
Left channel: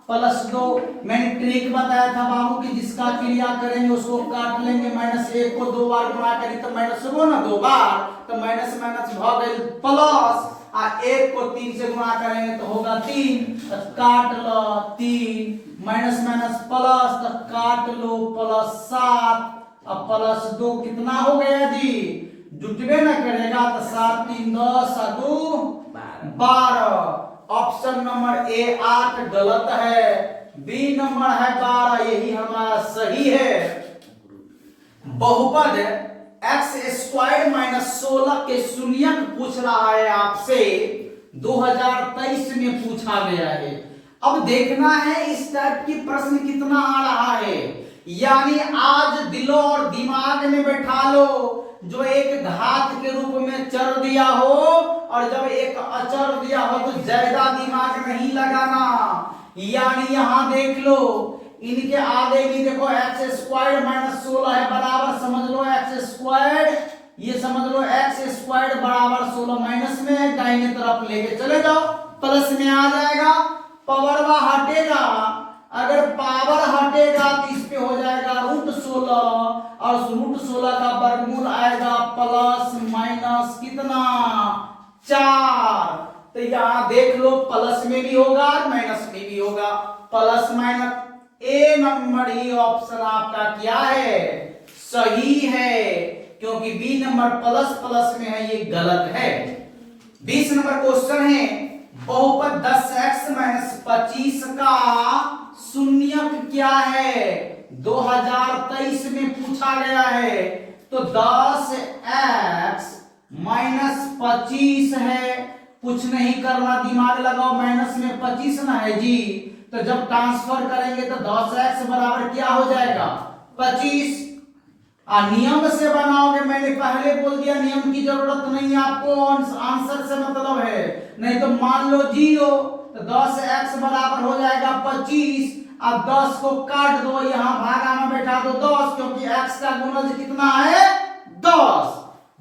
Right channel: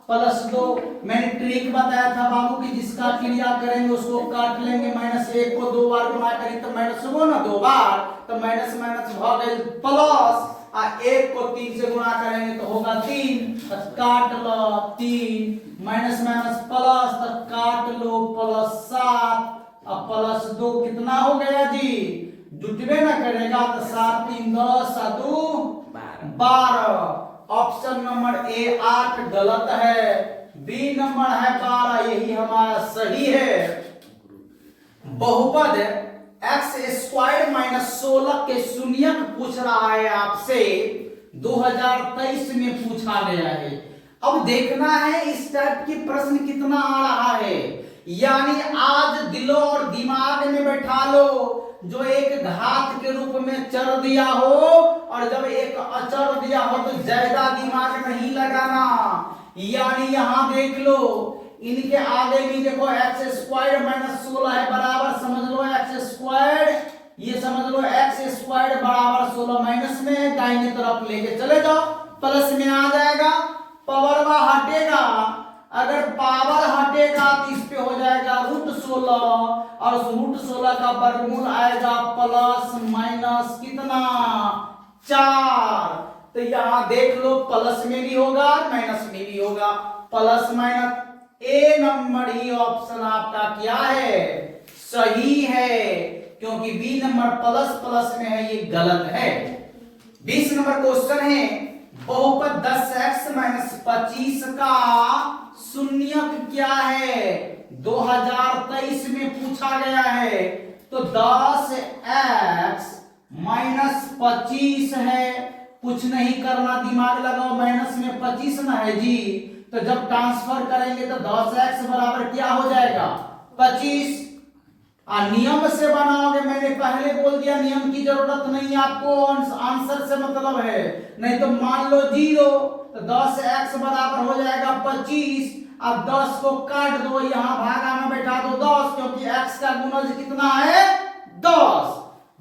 प्लस 2। मैंने ट्रिक बताया था बाबू कि जिसका क्रिया करेंगे उसको काट लेंगे, -1 को 2 बार गुणा करें तो माइनस हो ना 2 बार, तो माइनस माइनस भाग गए प्लस, और 1 को 3 से गुणा करेंगे तो होगा 3, तो काट लो 3, माइनस माइनस प्लस, तो काट लो प्लस 7, अब प्लस 2 कितना हो गया जी, जुटवे ना करेगा तो 7 3 10 2 12। ऑप्शन नंबर ए 8 गलत है, बी नंबर है 12, यही हमारा सही है। बहुपद x स्क्वायर माइनस 16 के शून्यक पूछ रहा है आपसे, 2023 में पूछा गया है। अब देखना है इस टाइप की प्रश्न कितना आ रहा है, यानी आज दिलो और दिमाग में बैठा लो, जो एक घात के रूप में चर दिया हो और जब एक अचर दिया हो तो ज्यादा दिमाग नहीं लगाना। यानी यहां देख लो, इनके आगे भी देखो x स्क्वायर माइनस 16 है, बराबर समझ लो x स्क्वायर, ये समझ लो x स्क्वायर बराबर 16 माइनस में है, दाहिने तरफ लेके चले जाओ प्लस में आ जाएगा, पावर वह हटेगा, अगर पावर हटेगा तो इस पे हो जाएगा √16, और √16 का वर्गमूल आएगा प्लस माइनस कितना 4। तो यहां देख लो प्लस में भी होगा माइनस में भी होगा, प्लस माइनस, ए नंबर ही ऑप्शन आपका क्या है, सही है, क्योंकि बी नंबर प्लस प्लस में है, ये गलत है। 20 नंबर क्वेश्चन है, बहुपद 10x - 25 का शून्यक क्या है, 2023 में पूछा गया है। तो 10x - 25 है, कुछ नहीं करना, दिमाग लगाओ, माइनस में 25 ना है जी, तो जब ट्रांसफर करेंगे तो 10x बराबर क्या हो जाएगा 25। नियम से बनाओगे, मैंने पहले बोल दिया नियम की जरूरत नहीं आपको, आंसर से मतलब है, नहीं तो मान लो 0, तो 10x बराबर हो जाएगा 25। अब 10 को काट दो, यहां भागा में बैठा दो 10, क्योंकि x का गुणज कितना है 10,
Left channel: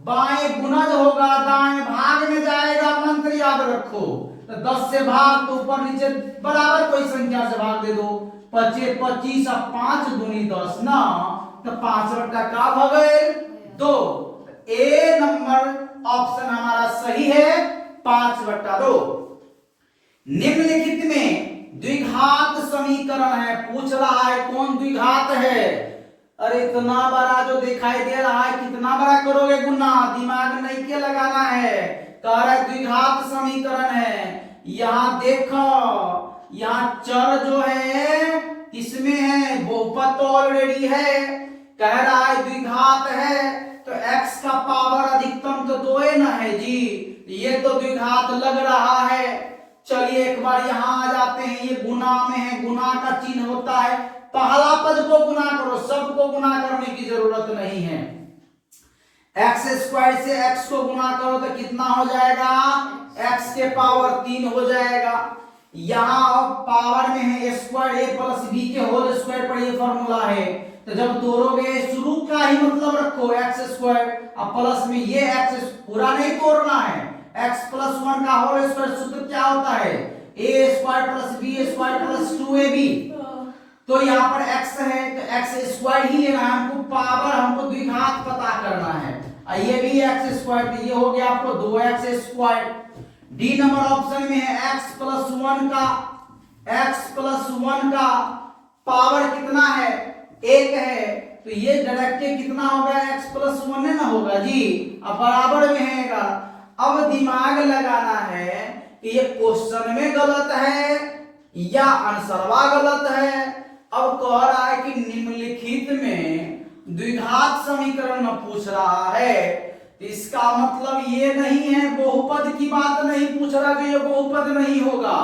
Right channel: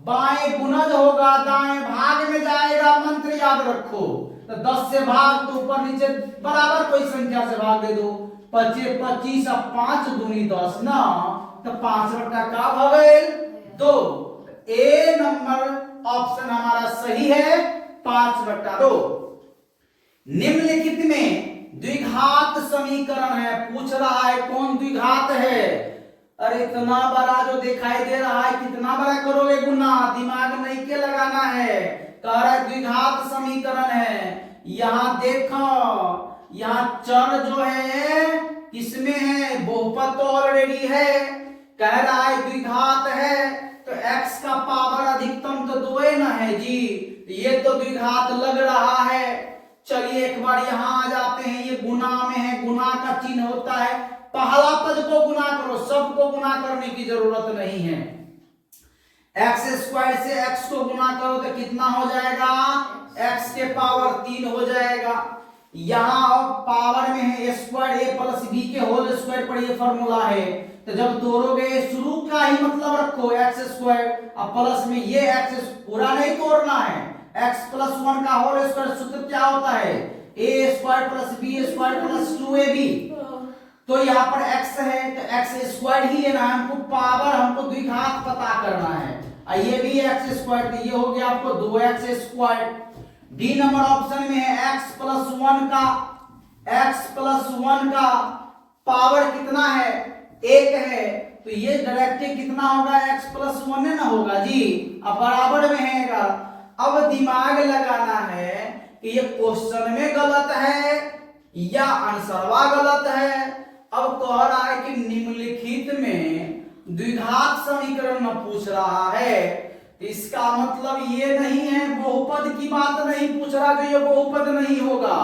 बाएं गुणज होगा दाएं भाग में जाएगा, मंत्र याद रखो, तो 10 से भाग, तो ऊपर नीचे बराबर कोई संख्या से भाग दे दो। 25 25 और 5 दूनी 10 ना, तो 5 रट्टा का भगेल 2। ए नंबर ऑप्शन हमारा सही है, 5/2। निम्नलिखित में द्विघात समीकरण है, पूछ रहा है कौन द्विघात है। अरे इतना बड़ा जो दिखाई दे रहा है, कितना बड़ा करोगे गुना, दिमाग नहीं के लगाना है। कह रहा है द्विघात समीकरण है। यहां देखो, यहां चर जो है किसमें है, बहुपद तो ऑलरेडी है। कह रहा है द्विघात है, तो x का पावर अधिकतम तो 2 ना है जी, ये तो द्विघात लग रहा है। चलिए एक बार यहां आ जाते हैं, ये गुना में है, गुना का चिन्ह होता है, पहला पद को गुना करो, सबको गुना करने की जरूरत नहीं है। x² से x को गुना करो तो कितना हो जाएगा, x के पावर 3 हो जाएगा। यहां पावर में है a² a प्लस b के होल स्क्वायर पर ये फॉर्मूला है, तो जब तोड़ोगे शुरू का ही मतलब रखो x², अब प्लस में ये x पूरा नहीं तोड़ना है, x प्लस 1 का होल स्क्वायर सूत्र क्या होता है, a² plus b² plus 2ab। तो यहाँ पर x है तो x² ही है ना, हमको पावर, हमको द्विघात पता करना है। ये भी x², तो ये हो गया आपको 2x²। डी नंबर ऑप्शन में है x प्लस 1 का पावर कितना है, 1 है, तो ये डायरेक्ट कितना होगा, x प्लस 1 ना होगा जी, अब बराबर में है। अब दिमाग लगाना है कि ये क्वेश्चन में गलत है या आंसरवा गलत है। अब कह रहा है कि निम्नलिखित में द्विघात समीकरण में पूछ रहा है, तो इसका मतलब ये नहीं है, बहुपद की बात नहीं पूछ रहा कि ये बहुपद नहीं होगा,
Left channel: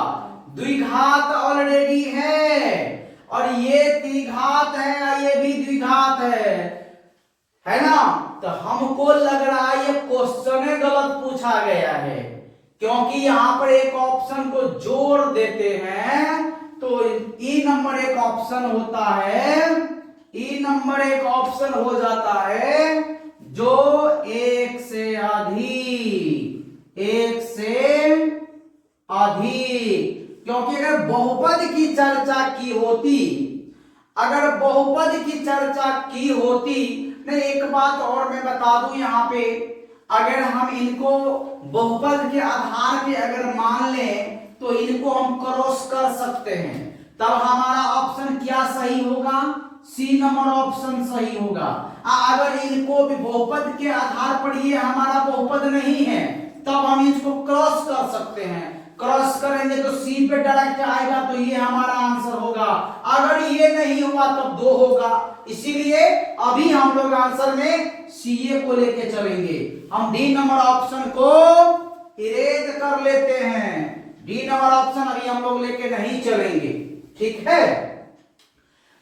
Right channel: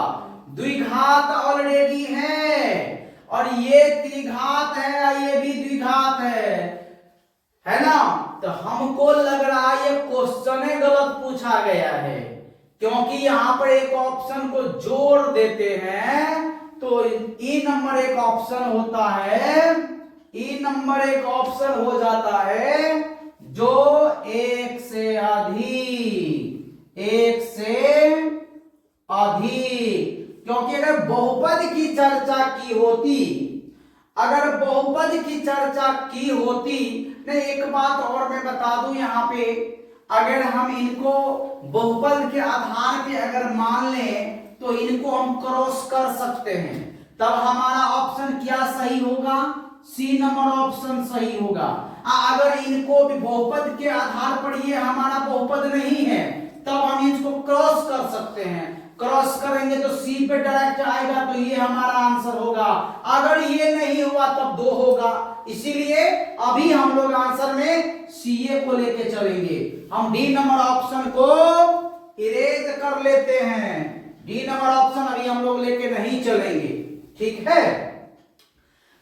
द्विघात ऑलरेडी है और ये द्विघात है, ये भी द्विघात है ना। तो हमको लग रहा है ये क्वेश्चन गलत पूछा गया है, क्योंकि यहां पर एक ऑप्शन को जोड़ देते हैं तो ई नंबर एक ऑप्शन होता है, ई नंबर एक ऑप्शन हो जाता है जो एक से अधिक, क्योंकि अगर बहुपद की चर्चा की होती, अगर बहुपद की चर्चा की होती, नहीं एक बात और मैं बता दूं यहाँ पे, अगर हम इनको बहुपद के आधार पे अगर मान लें तो इनको हम क्रॉस कर सकते हैं, तब हमारा ऑप्शन क्या सही होगा, सी नंबर ऑप्शन सही होगा। अगर इनको भी बहुपद के आधार पर ये हमारा बहुपद नहीं है, तब हम इसको क्रॉस कर सकते हैं, क्रॉस करेंगे तो सी पे डायरेक्ट आएगा, तो ये हमारा आंसर होगा। अगर ये नहीं हुआ तब 2 होगा, इसीलिए अभी हम लोग आंसर में सीए को लेके चलेंगे। हम डी नंबर ऑप्शन को इरेज कर लेते हैं, डी नंबर ऑप्शन अभी हम लोग लेके नहीं चलेंगे, ठीक है।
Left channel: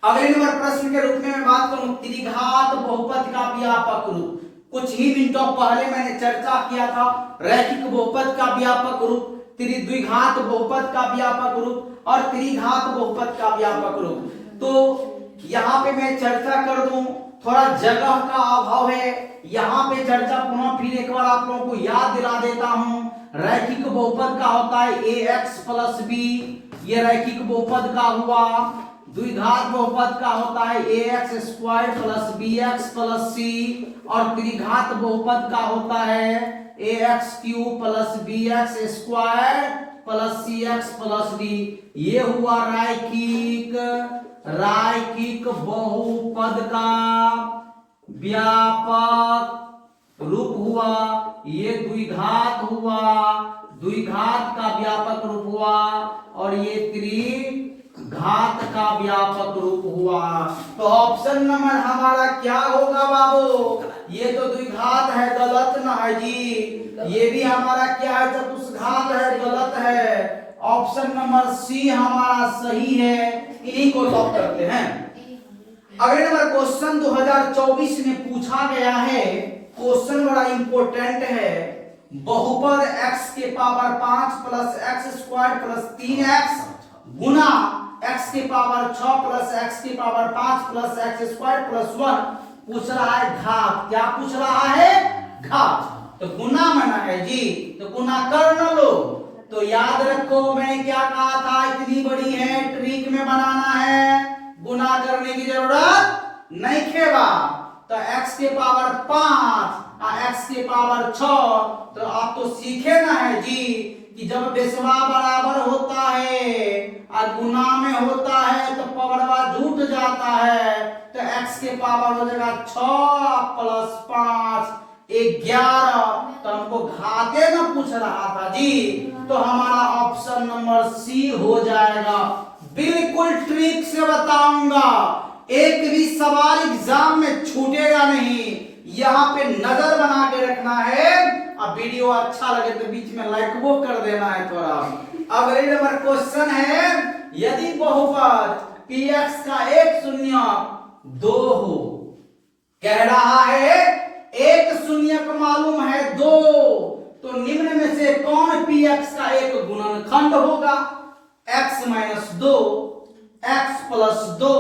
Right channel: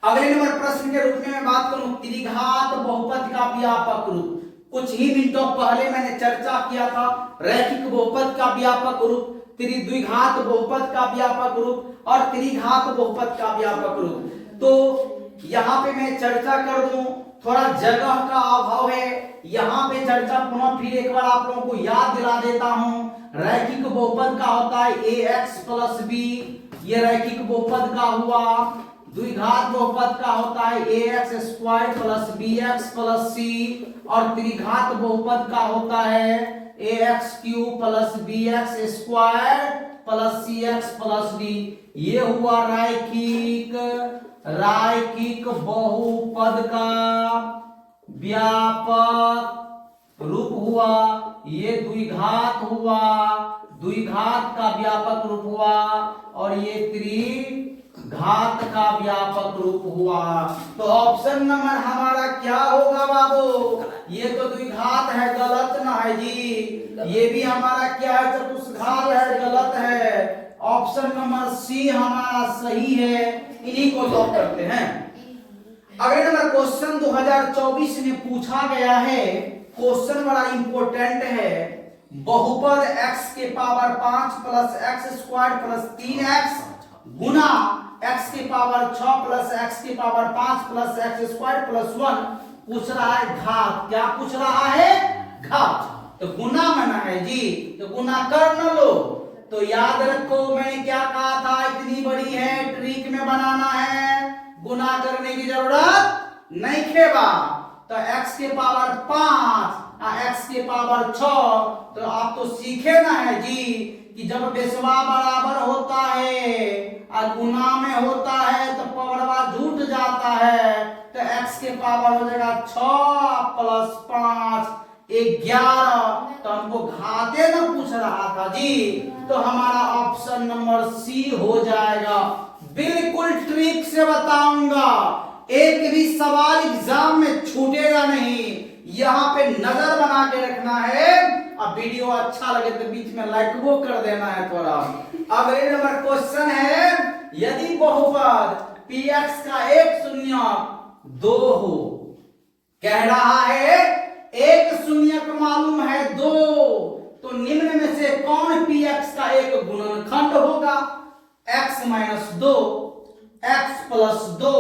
अगले नंबर प्रश्न के रूप में मैं बात करूं, त्रिघात बहुपद का व्यापक रूप। कुछ ही मिनटों पहले मैंने चर्चा किया था रैखिक बहुपद का व्यापक रूप, द्विघात बहुपद का व्यापक रूप और त्रिघात बहुपद का व्यापक रूप। तो यहाँ पे मैं चर्चा कर दूं, थोड़ा जगह का अभाव है, यहाँ पे चर्चा पुनः फिर एक बार आप लोगों को याद दिला देता हूं। रैखिक बहुपद का होता है ax प्लस b, ये रैखिक बहुपद का हुआ। द्विघात बहुपद का होता है ax² plus bx plus c, और त्रिघात बहुपद का होता है ax³ plus bx² plus cx plus d। ये हुआ रैखिक बहुपद का व्यापक रूप हुआ। ये द्विघात हुआ, द्विघात का व्यापक रूप हुआ, और ये त्रिघात का व्यापक रूप हुआ। तो ऑप्शन नंबर हमारा क्या होगा बाबू, ये तो द्विघात है, गलत ना है जी। ये भी हमारा क्या है, चतुष्घात है, गलत है। ऑप्शन नंबर सी हमारा सही है, इन्हीं को लॉक करते हैं। अगले नंबर क्वेश्चन 2024 में पूछा गया है, क्वेश्चन बड़ा इंपॉर्टेंट है। बहुपद x के power 5 plus x² plus 3x गुना x के पावर 6 प्लस x के पावर 5 प्लस x² प्लस 1 पूछ रहा है घात। क्या पूछ रहा है, घात। तो गुना मना है जी, तो गुना कर न लो, तो याद रखो मैंने क्या कहा था, इतनी बड़ी है, ट्रिक में बनाना है, गुना करने की जरूरत नहीं खेबा। तो x के पावर 5 और x के पावर 6, तो आप तो सीखे ना है जी कि जब बेसवा बराबर होता है और गुना में होता है तो पवरवा जुट जाता है, तो x के पावर हो जाएगा 6 प्लस 5 11। तो हमको घाते ना पूछ रहा था जी, तो हमारा ऑप्शन नंबर सी हो जाएगा। बिल्कुल ट्रिक से बताऊंगा, एक भी सवाल एग्जाम में छूटेगा नहीं, यहाँ पे नजर बना के रखना है। अब वीडियो अच्छा लगे तो बीच में लाइक वो कर देना है थोड़ा। अगले नंबर क्वेश्चन है, यदि बहुपद px का एक शून्य 2 हो, कह रहा है एक शून्य को मालूम है 2, तो निम्न में से कौन px का एक गुणनखंड होगा? x minus 2, x plus 2,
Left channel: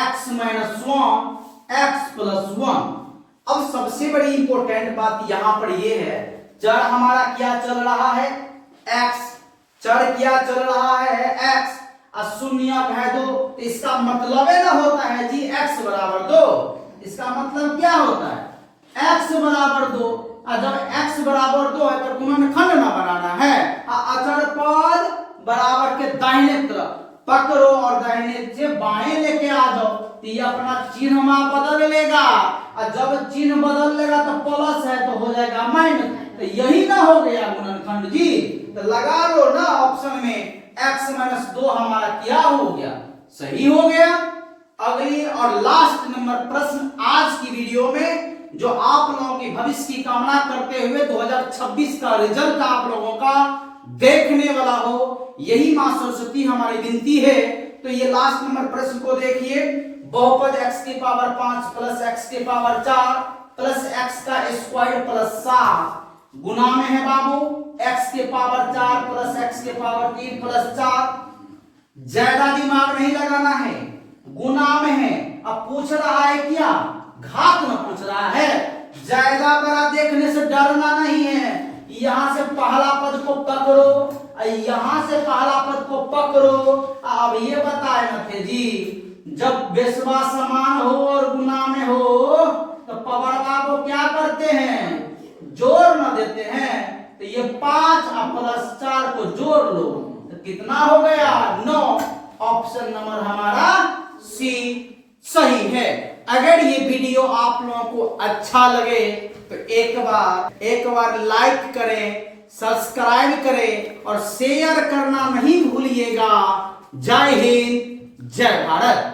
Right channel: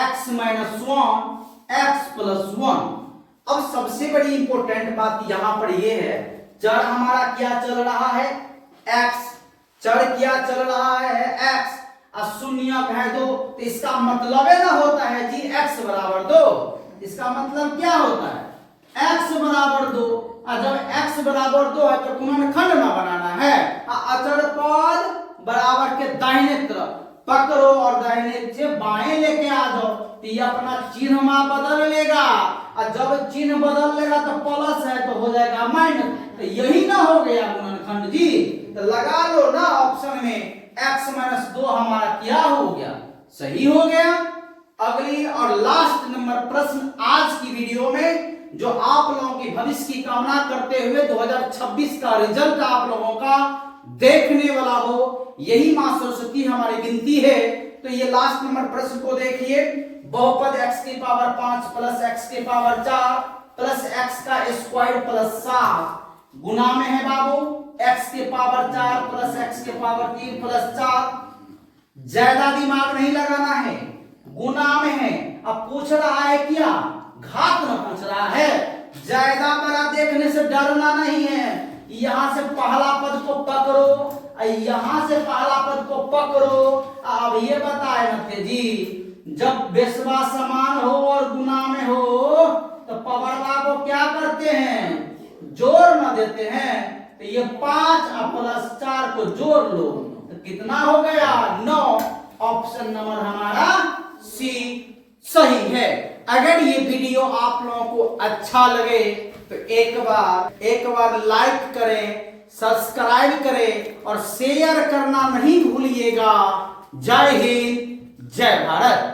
x minus 1, x plus 1। अब सबसे बड़ी इंपॉर्टेंट बात यहां पर यह है, चर हमारा क्या चल रहा है? x। चर क्या चल रहा है? x। और शून्य है 2, तो इसका मतलब है ना होता है जी x बराबर 2। इसका मतलब क्या होता है? x बराबर 2। और जब x बराबर 2 है तो गुणनखंड ना बनाना है, अचर पद बराबर के दाहिने तरफ पकड़ो और दाहिने से बाएं लेके आ जाओ, तो ये अपना चिन्ह बदल लेगा, और जब चिन्ह बदल लेगा तो प्लस है तो हो जाएगा माइनस। तो यही ना हो गया गुणनखंड जी, तो लगा लो ना ऑप्शन में x माइनस 2 हमारा क्या हो गया? सही हो गया। अगली और लास्ट नंबर प्रश्न आज की वीडियो में, जो आप लोगों की भविष्य की कामना करते हुए 2026 का रिजल्ट आप लोगों का देखने वाला हो, यही मां सरस्वती हमारी विनती है। तो ये लास्ट नंबर प्रश्न को देखिए, बहुपद x की पावर 5 प्लस x की पावर 4 प्लस x का स्क्वायर प्लस 7 गुना में है बाबू, x के पावर 4 प्लस x के पावर 3 प्लस 4। ज्यादा दिमाग नहीं लगाना है, गुना में है। अब पूछ रहा है क्या? घात में पूछ रहा है। ज्यादा बड़ा देखने से डरना नहीं है, यहां से पहला पद को पकड़ो, यहां से पहला पद को पकड़ो। अब ये बताए न थे जी, जब बेसवा समान हो और गुना में हो तो पवरवा को क्या करते हैं? जोड़ न देते हैं। तो ये 5 प्लस 4 को जोड़ लो तो कितना हो गया? 9। ऑप्शन नंबर हमारा सी सही है। अगर ये वीडियो आप लोगों को अच्छा लगे तो एक बार लाइक करें, सब्सक्राइब करें और शेयर करना नहीं भूलिएगा। जय हिंद, जय भारत।